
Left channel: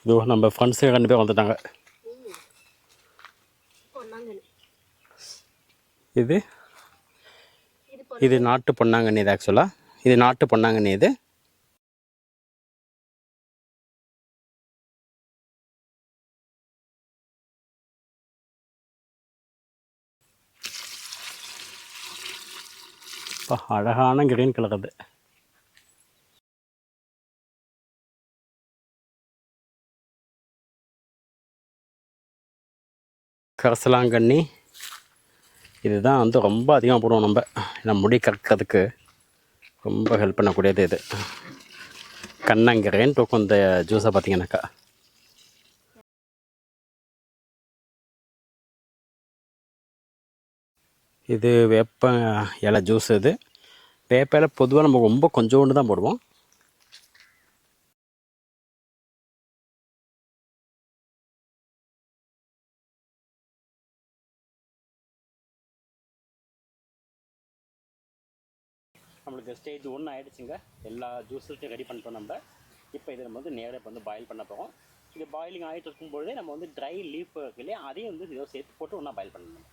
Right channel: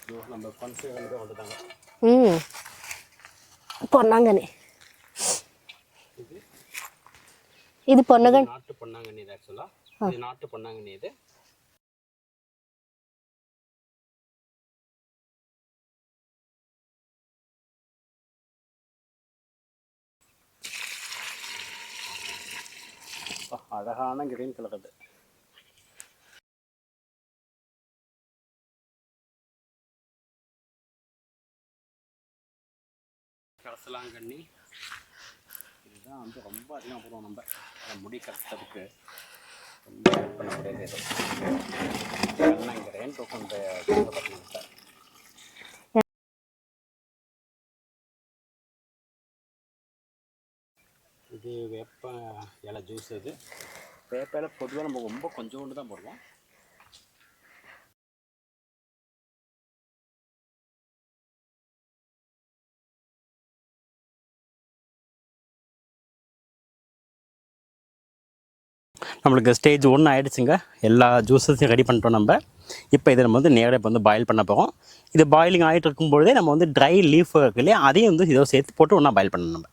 இதோ நம்ம ஃப்ரெண்ட்ஸு 2 பேர் வந்துட்டாங்க. பொன்னாங்கண்ணி. இது இது இது நாட்டு பொன்னாங்கண்ணி. இது ஆக்சுவலாக இது நாட்டு பொன்னாங்கண்ணி. இது அழகான கிரீன் கலர். அது கரசலாங்கண்ணி. இதுதான் வந்து ரொம்ப அதிகமாக போடுவோம் நம்ம முடி கறக்கிறதுக்கு ரொம்ப ஹெல்ப் பண்ணக்கூடியது. இது கண்ணங்கரைன்னு தூக்கம் இந்த ஜூஸை பார்த்தீங்கன்னாக்கா. இது வேப்ப இலை ஜூஸ். இது வேப்ப இலை பொதுவாக நம்ம ரொம்ப கொஞ்சோண்டு தான் போடுவோம். நம்மளுக்கு ஸ்டேஜ் 1 ஆகிடுச்சுங்க. எல்லா ஜூஸஸையும் ரெடி பண்ணிட்டோம் நம்ம. இப்போ இதை நம்ம வந்து நேராக இப்போ வந்து பாயில் பண்ண போகிறோம். இது பாயிலிங் ஆகிட்டு இருக்கும்பொழுதே நம்ம வந்து ட்ரை லீஃப் இருக்கு இல்லையா, அதையும் வந்து இதோ சேர்த்து போட்டு ஒன்றா பாயில் பண்ணணும் நம்ம.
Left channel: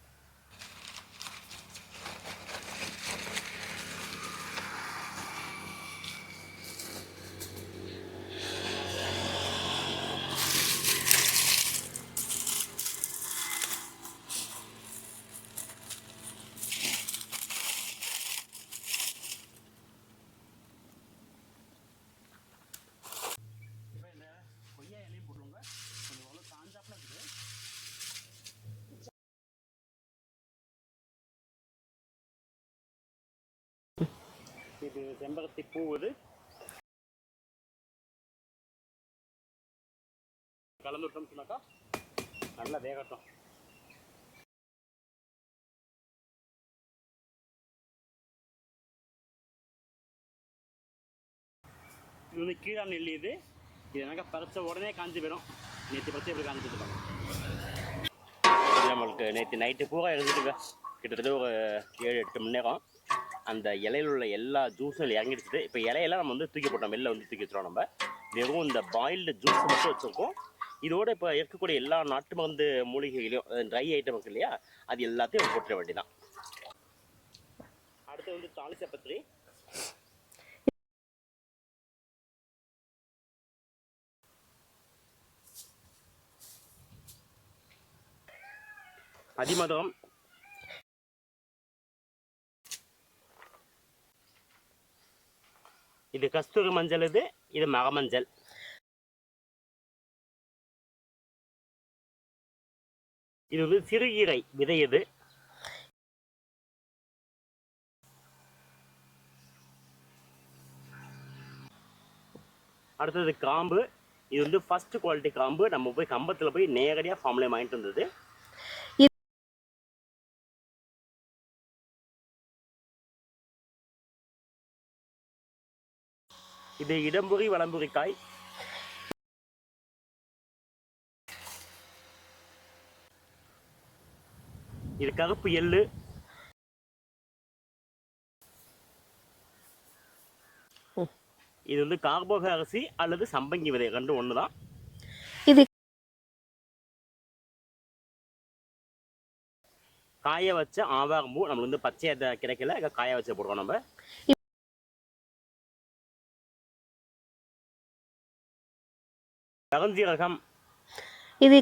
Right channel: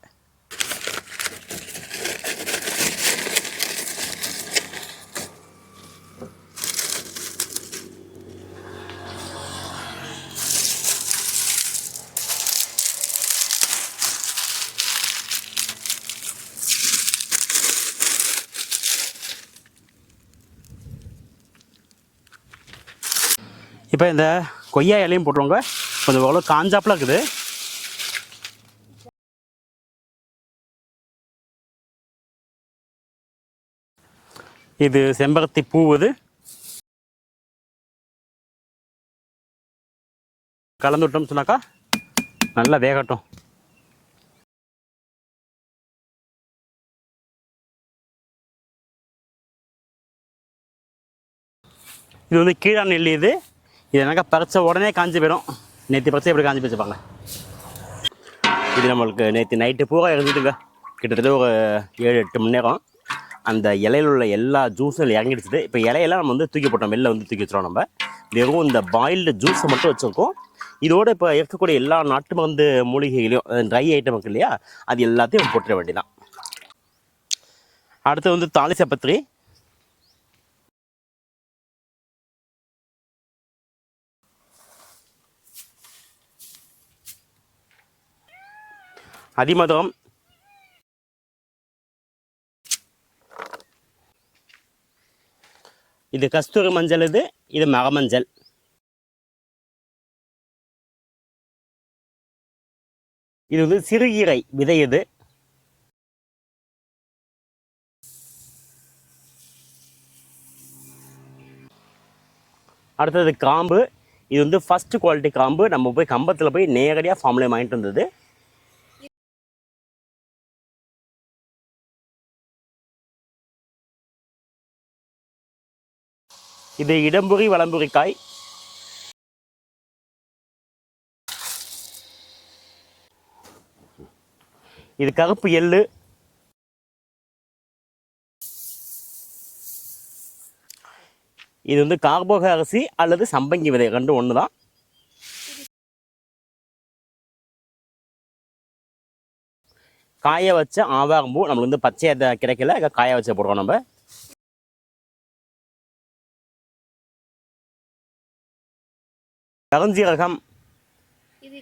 இப்போ இந்த கொய்யா இலையும் போட்டுருவாங்க. கொஞ்சம் அவ்வளோ காஞ்சாப்பில் இருக்குது. இது செம்பருத்தி பூ. இது கலந்து விட்டோம்னு சொன்னாக்கா நல்லா வேகட்டும். இது வந்து கீழா நெல்லி. இது என்னக்கா பறிச்ச உடனே காஞ்சி போயிடும். நேற்று பறிச்சா எப்படி காஞ்சி போச்சுப்பாங்க. இது நம்மளுக்கு நேற்று நைட்டு பூரா இருந்துட்டுங்க. கிட்டத்தட்ட ஒரு 7-8 மணி நேரம் அந்த இலையில் உள்ள எல்லா ஜூஸும் இறங்கிடுச்சு. இப்போ இலையெல்லாம் நம்ம வந்து தூக்கி போட்டோம், வெளில வந்து தூக்கி வச்சிடும். நம்ம வெறும் இந்த பாயில்டு ஜூஸை மட்டும் வச்சுருக்கோம். இதோட இப்போ இருக்கக்கூடிய எல்லா நாட்டு மருந்து மூலிகைகளையும் ட்ரை ஐட்டம் இருக்கு இல்லையா, அது எல்லாத்தையும் போட்டுற வேண்டியதான். அடுத்து வந்து தாலிசப்பத்திரி. அதிமதுரம். இது கஸ்தூரி மஞ்சள், இது மகமஞ்சள். இது வந்து சிறுகீரை விதை. இது அடுத்தது கிராம்பு. இது வந்து ஃபர்ஸ்ட் குவாலிட்டி கிராம்பு. நம்ம போய் கம்பத்தில் போய் நேரடியாக ஃபார்ம்லேயே வாங்கிட்டு வந்தது. இது இடம்புரி வலம்புரிக்காய். இது கருப்பு எள்ளு. இது வந்து கார்போக அரிசி அல்லது சம்பங்கி விதை, ரெண்டு ஒன்று தான். இது காய வச்ச ஆவாரம்பூ. நம்மளுக்கு வந்து பச்சையை கிடைக்கல, காய வச்ச போடுறோம் நம்ம. கருஞ்சீரகம். இது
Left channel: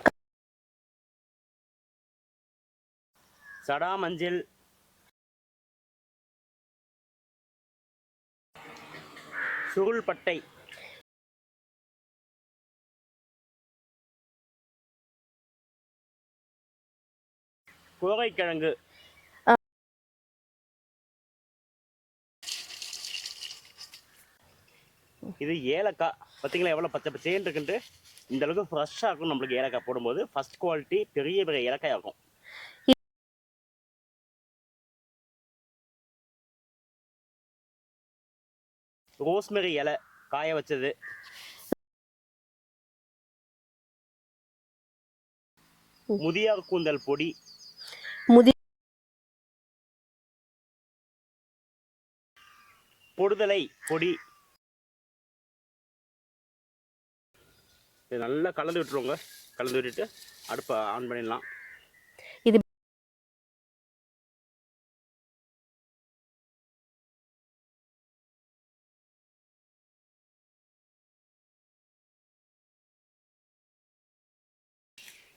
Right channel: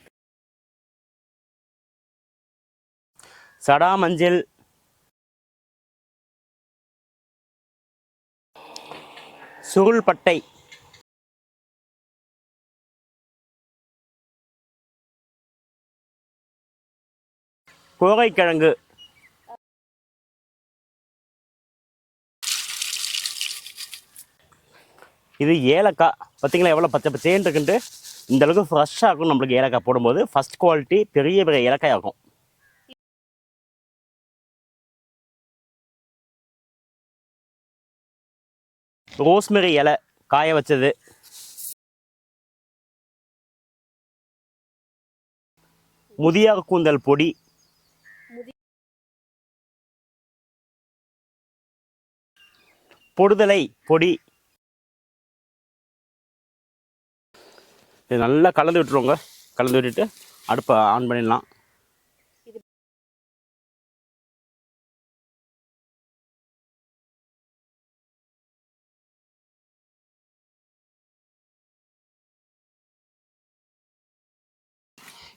சடா மஞ்சள். சுருள் பட்டை. கோரைக்கிழங்கு. இது ஏலக்காய். பார்த்தீங்களா எவ்வளோ பச்சை பச்சேன்னு இருக்குன்ட்டு. இந்த அளவுக்கு ஃப்ரெஷ்ஷாக இருக்கும் நம்மளுக்கு ஏலக்காய் போடும்போது. ஃபர்ஸ்ட் குவாலிட்டி பெரிய பெரிய ஏலக்காய் இருக்கும். ரோஸ்மெரி இலை காய வச்சது. முதியார் கூந்தல் பொடி. பொடுதலை பொடி. இது நல்லா கலந்து விட்டுருவோங்க. கலந்து விட்டுட்டு அடுப்பை ஆன் பண்ணிடலாம். இது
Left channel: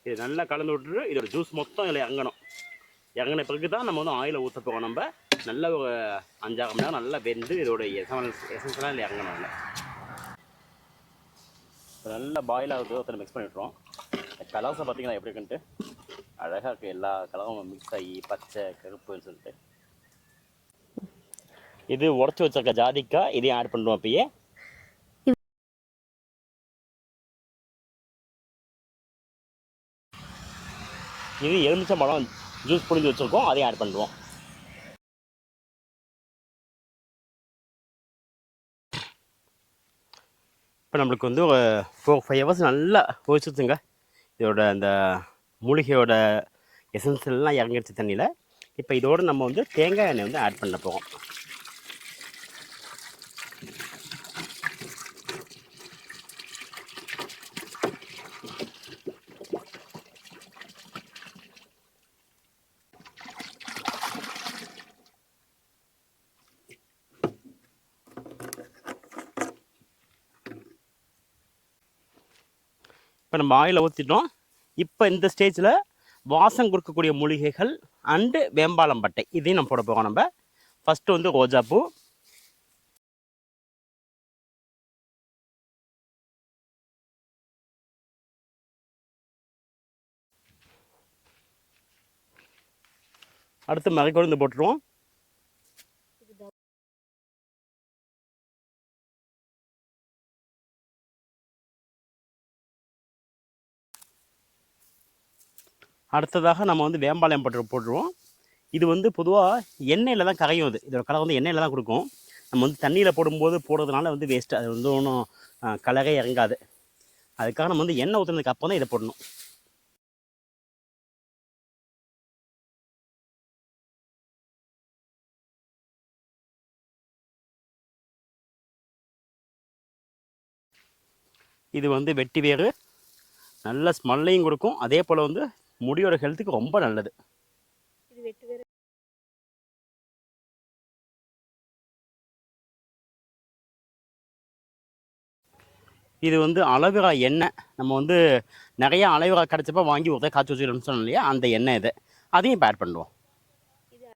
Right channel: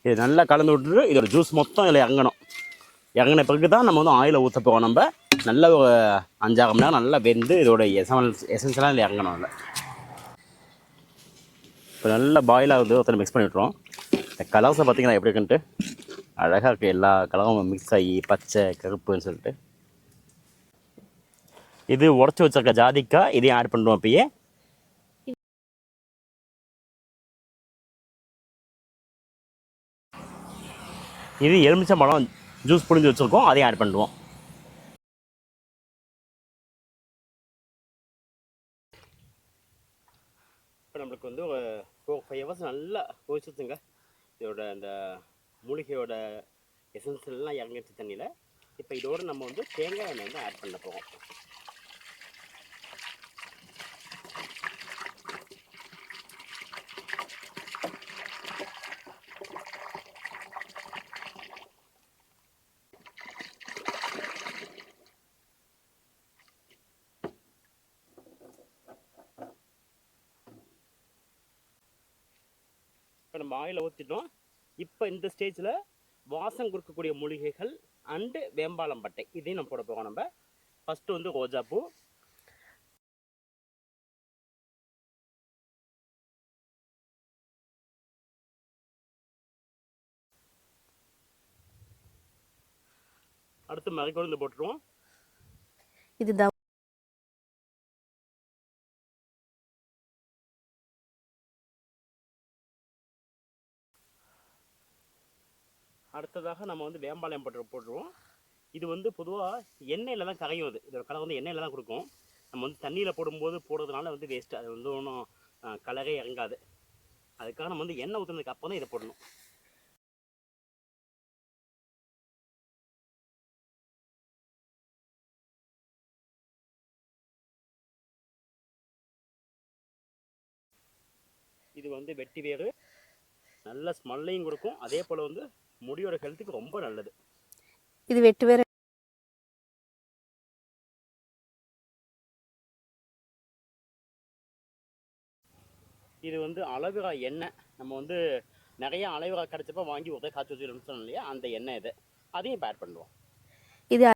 இது நல்லா கலந்து விட்டுட்டு இதோட ஜூஸ் மொத்தம் இதில் இறங்கணும். இறங்கின பிறகு தான் நம்ம வந்து ஆயிலை ஊற்ற போவோம். நம்ம நல்ல ஒரு 5-6 மணி நேரம் நல்லா வெந்து இதோட எசன்ஸ்லாம் இதில் இறங்கணும். இல்லை இப்போ நல்லா பாயில் ஆகுது. ஒருத்தர் மிக்ஸ் பண்ணி விட்டுருவோம். இந்த கலர்ஸை பார்த்தீங்கன்னா எப்படி இருக்குன்ட்டு அழகாக இருக்குது. எல்லா கலரும் மிக்ஸ் ஆகி பச்சை கருப்புன்னு சொல்லிட்டு. இது உடச்சி வச்சிருக்க ஜாதிக்காய். இதையும் ஆட் பண்ணுவோம். அப்பயே இது எலுமிச்சம்பழம் ஜூஸ் புழிஞ்சு வச்சுருக்கோம். அதையும் ஆட் பண்ணுவோம். இப்போ நம்மளுக்கு வந்து 4-5 ஹவர்ஸ் நல்லா கொதிச்சுச்சுங்க. இதோட அந்த மூலிகையோட எசன்ஸ் எல்லாம் இறங்கிடுச்சு தண்ணியில். இப்போ இதோடு நம்ம வந்து தேங்காய் எண்ணெய் வந்து ஆட் பண்ண போகிறோம். இப்போ நம்ம ஆயிலை ஊற்றிட்டோம். இப்போ இந்த ஸ்டேஜில் வாசம் கொடுக்கக்கூடிய மூலிகைகள் அண்டு வேம்பாலம் பட்டை இதையும் நம்ம போட போகிறோம். நம்ம ஃபஸ்ட்டு வந்து ரோஜாப்பூ. அடுத்து மறைக்கொழுந்து போட்டுருவோம். இதுதான் அடுத்ததாக நம்ம வந்து வேம்பாளையம் போட்டுருவோம். இது வந்து பொதுவாக எண்ணெயில் தான் கரையும். இதோட கலர் வந்து எண்ணெயில் தான் கொடுக்கும். நம்ம வந்து தண்ணியில் போடும்போது போடுறதுனால வந்து வேஸ்ட்டு. அது வந்து ஒன்றும் கலரே இறங்காது. அதுக்காக நம்ம வந்து எண்ணெய் ஊற்றுனதுக்கு அப்புறம் தான் இதை போடணும். இது வந்து வெட்டி வேறு, நல்ல ஸ்மெல்லையும் கொடுக்கும், அதே போல் வந்து முடியோட ஹெல்த்துக்கு ரொம்ப நல்லது. இது வெட்டு வேற. இது வந்து அலோவேரா எண்ணெய். நம்ம வந்து நிறைய அலோவேரா கிடச்சப்ப வாங்கி ஒருத்தர் காய்ச்சி வச்சுக்கணும்னு சொன்னோம் இல்லையா, அந்த எண்ணெய் இது. அதையும் இப்போ ஆட் பண்ணுவோம். இது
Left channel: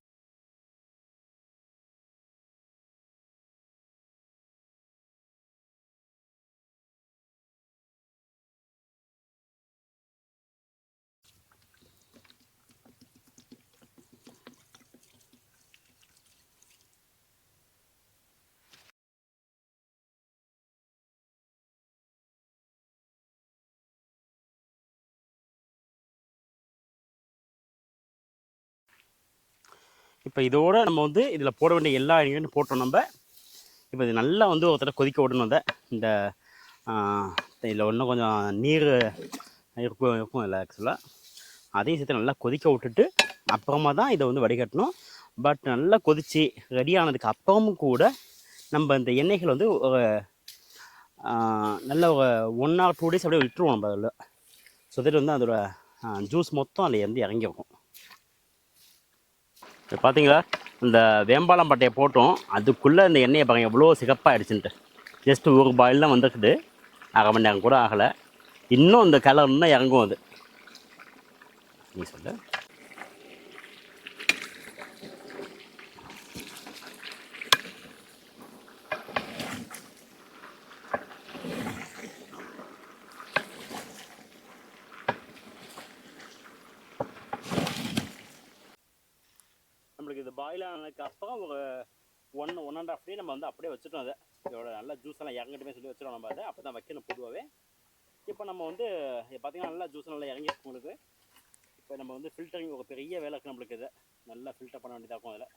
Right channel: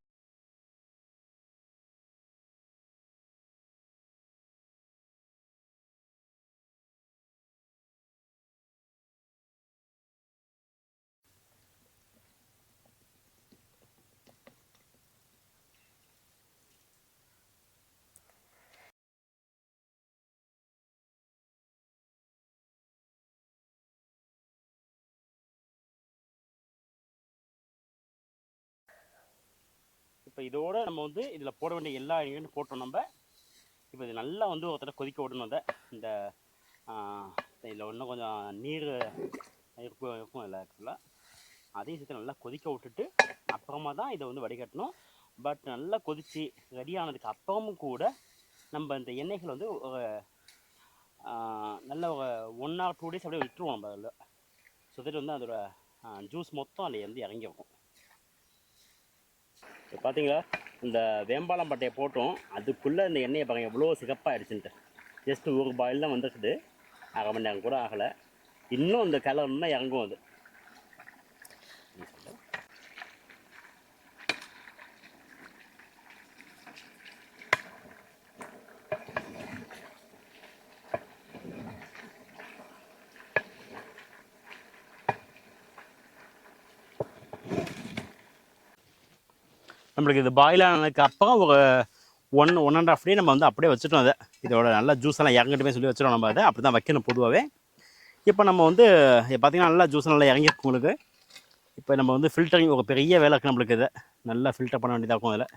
இப்போ இதோட நம்ம வந்து இதில் போட வேண்டிய எல்லா இன்க்ரீடியன்ட் போட்டோம் நம்ம. இப்போ இது நல்லா வந்து ஒரு தடவை கொதிக்க விடணும். அதை இந்த இதில் இன்னும் கொஞ்சம் நீர் இருக்கும் இல்லை ஆக்சுவலாக. அதையும் சேர்த்து நல்லா கொதிக்க விட்டுட்டு அப்புறமா தான் இதை வந்து வடிகட்டணும். பட் நல்லா கொதித்து ரெடி ஆனதுக்கு அப்புறமும் கூட நம்ம இந்த எண்ணெய்கள் வந்து ஒரு நல்ல ஒரு 1 or 2 days அப்படியே விட்டுருவோம் நம்ம அதில். ஸோ தட் வந்து அதோட ஜூஸ் மொத்தம் அதில் வந்து இறங்கிருக்கும். இப்போ பார்த்தீங்களா, இந்த வேம்பாலம் பட்டையை போட்டோம், அதுக்குள்ளே இந்த எண்ணெயை பாருங்கள் எவ்வளோ சிகப்பாகிடுச்சுன்ட்டு. ஜஸ்ட்டு ஒரு பாயில் தான் வந்துருக்குது, 1/2 மணி நேரம் கூட ஆகலை. இன்னும் இந்த கலர் இன்னும் இறங்கும் அது. நீ சொல்லு. நம்மளுக்கு இது பாயில் ஆனதுக்கு அப்புறம் ஒரு 1.5 day நம்ம வந்து அப்படியே வச்சுட்டோம். அதை இதோட நல்லா ஜூஸ் எல்லாம் இறங்கிட்டுமே சொல்லி வச்சுட்டோம். நம்ம அதை அப்படி தான் வைக்கணும் பொதுவாகவே. இப்போ நம்ம வந்து பார்த்திங்கன்னா நல்லா ஜூஸ் நல்லா இறங்கிருக்கும் உங்களுக்கு. இப்போ நம்ம வந்து ஃபில்டரிங் ஒரு பெரிய வேலை இருக்குது நம்மளுக்கு. இதை நல்லா ஃபில்டர் பண்ண வேண்டியதாக இருக்கும் அதில்.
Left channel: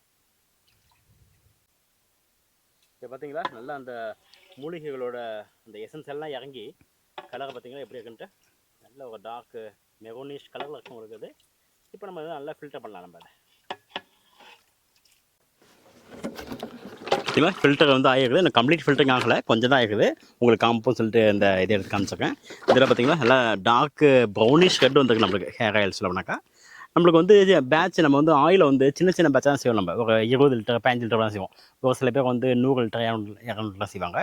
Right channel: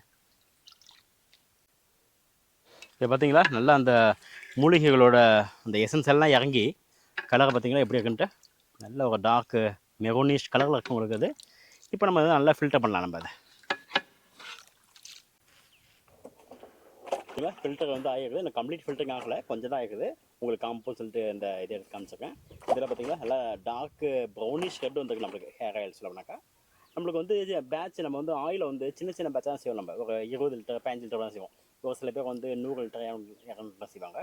இப்போ பார்த்தீங்களா நல்லா அந்த மூலிகைகளோட அந்த எசன்ஸ் எல்லாம் இறங்கி கலரை பார்த்தீங்களா எப்படி இருக்குன்ட்டு நல்ல ஒரு டார்க் மெரோனிஷ் கலரில் இருக்கும் உங்களுக்கு அது. இப்போ நம்ம அதை நல்லா ஃபில்டர் பண்ணலாம். நம்ம அதை பார்த்தீங்களா ஃபில்டர் வந்து ஆகிருக்குது. எனக்கு கம்ப்ளீட் ஃபில்டரிங் ஆகலை, கொஞ்சம் தான் ஆகிருக்குது. உங்களுக்கு காம்பவுண்ட் சொல்லிட்டு இந்த இதை எடுத்து காமிச்சிருக்கேன். இதில் பார்த்தீங்கன்னா நல்லா டார்க் ப்ரௌனிஷ் ரெட் வந்துருக்கு நம்மளுக்கு ஹேர் ஆயில் சொல்லணும்னாக்கா. நம்மளுக்கு வந்து பேட்ச் நம்ம வந்து ஆயிலை வந்து சின்ன சின்ன பேட்சாக தான் செய்வோம். நம்ம ஒரு 20 லிட்டர் 15 லிட்டர் தான் செய்வோம். ஒரு சில பேர் வந்து 100 லிட்டர் 200 லிட்டர் செய்வாங்க.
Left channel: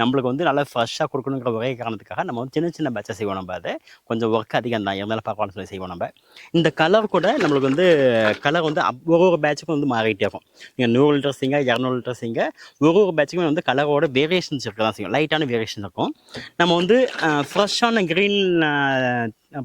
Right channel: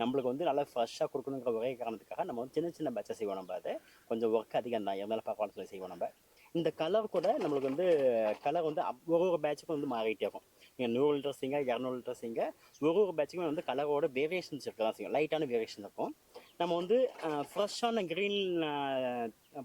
நம்மளுக்கு வந்து நல்லா ஃப்ரெஷ்ஷாக கொடுக்கணுங்கிற ஒரே காரணத்துக்காக நம்ம வந்து சின்ன சின்ன பேட்சாக செய்வோம். நம்ம அதை கொஞ்சம் ஒர்க் அதிகம் தான் இருந்தாலும் பார்க்கலாம்னு சொல்லி செய்வோம். நம்ம இந்த கலர் கூட நம்மளுக்கு வந்து கலர் வந்து ஒரு பேட்சுக்கும் வந்து மாறிட்டே இருக்கும். நீங்கள் 100 லிட்டர் செய்யுங்க, 200 லிட்டர் செய்யுங்க, ஒரு பேட்சுக்குமே வந்து கலரோட வேரியேஷன்ஸ் இருக்க தான் செய்யும். லைட்டான வேரியேஷன் இருக்கும். நம்ம வந்து ஃப்ரெஷ்ஷான க்ரீன்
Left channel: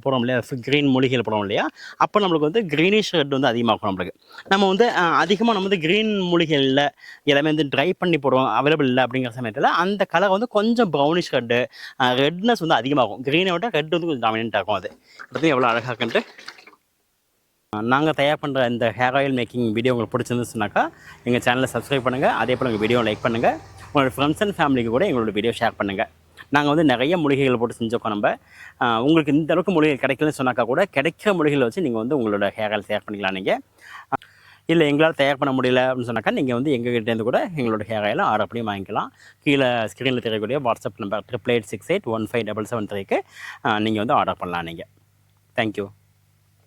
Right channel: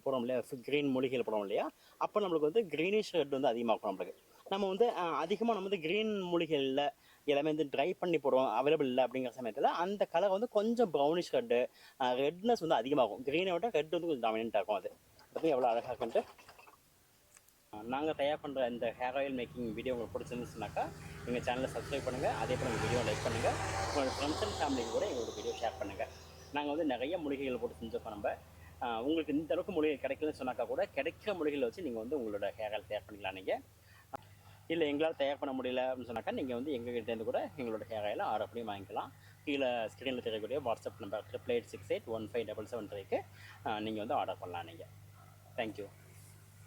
போடுறோம் இல்லையா, க்ரீன் மூலிகைகள் போடுறோம் இல்லையா, அப்போ நம்மளுக்கு வந்து க்ரீனிஷ் ரெட் வந்து அதிகமாகும் நம்மளுக்கு. நம்ம வந்து அதிகமாக நம்ம வந்து க்ரீன் மூலிகைகள் இல்லை, எல்லாமே வந்து ட்ரை பண்ணி போடுவோம், அவைலபிள் இல்லை அப்படிங்கிற சமயத்தில் அந்த கலர் வந்து கொஞ்சம் ப்ரௌனிஷ் ரெட்டு, ரெட்னஸ் வந்து அதிகமாகும். க்ரீனை விட ரெட் வந்து கொஞ்சம் டாமினென்ட் ஆகும். அது பற்றி எவ்வளோ அழகாக இருக்குன்ட்டு. நாங்கள் தயார் பண்ணுற இந்த ஹேர் ஆயில் மேக்கிங் வீடியோ உங்களுக்கு பிடிச்சிருந்துச்சுனாக்கா எங்கள் சேனலை சப்ஸ்கிரைப் பண்ணுங்கள். அதே போல் எங்கள் வீடியோ லைக் பண்ணுங்கள். உங்களோட ஃப்ரெண்ட்ஸ் அண்ட் ஃபேமிலிக்கு கூட எங்களோட வீடியோ ஷேர் பண்ணுங்கள். நாங்கள் வந்து நிறைய மூலிகைகள் போட்டு செஞ்சோக்கோ. நம்ம உங்களுக்கு இந்த அளவுக்கு மூலிகைகள் கிடைக்கலன்னு சொன்னாக்கா கூட கிடைக்கிற மூலிகைகளை வச்சு நீங்கள் வந்து உங்களோட ஹேர் ஆயில் தயார் பண்ணிக்கலாம். நீங்கள் இல்லை எங்களால் தயார் பண்ண முடியல அப்படின்னு சொன்னாக்கா நீங்கள் வந்து எங்ககிட்டேருந்து கூட எங்களோட ஹேர் ஆயில் ஆர்டர் பண்ணி வாங்கிக்கலாம். கீழே ஸ்க்ரீனில் தெரியக்கூடிய வாட்ஸ்அப் நம்பர் 8868157773க்கு நீங்கள் வந்து ஆர்டர் பண்ணலாம். நீங்கள் தேங்க்யூ.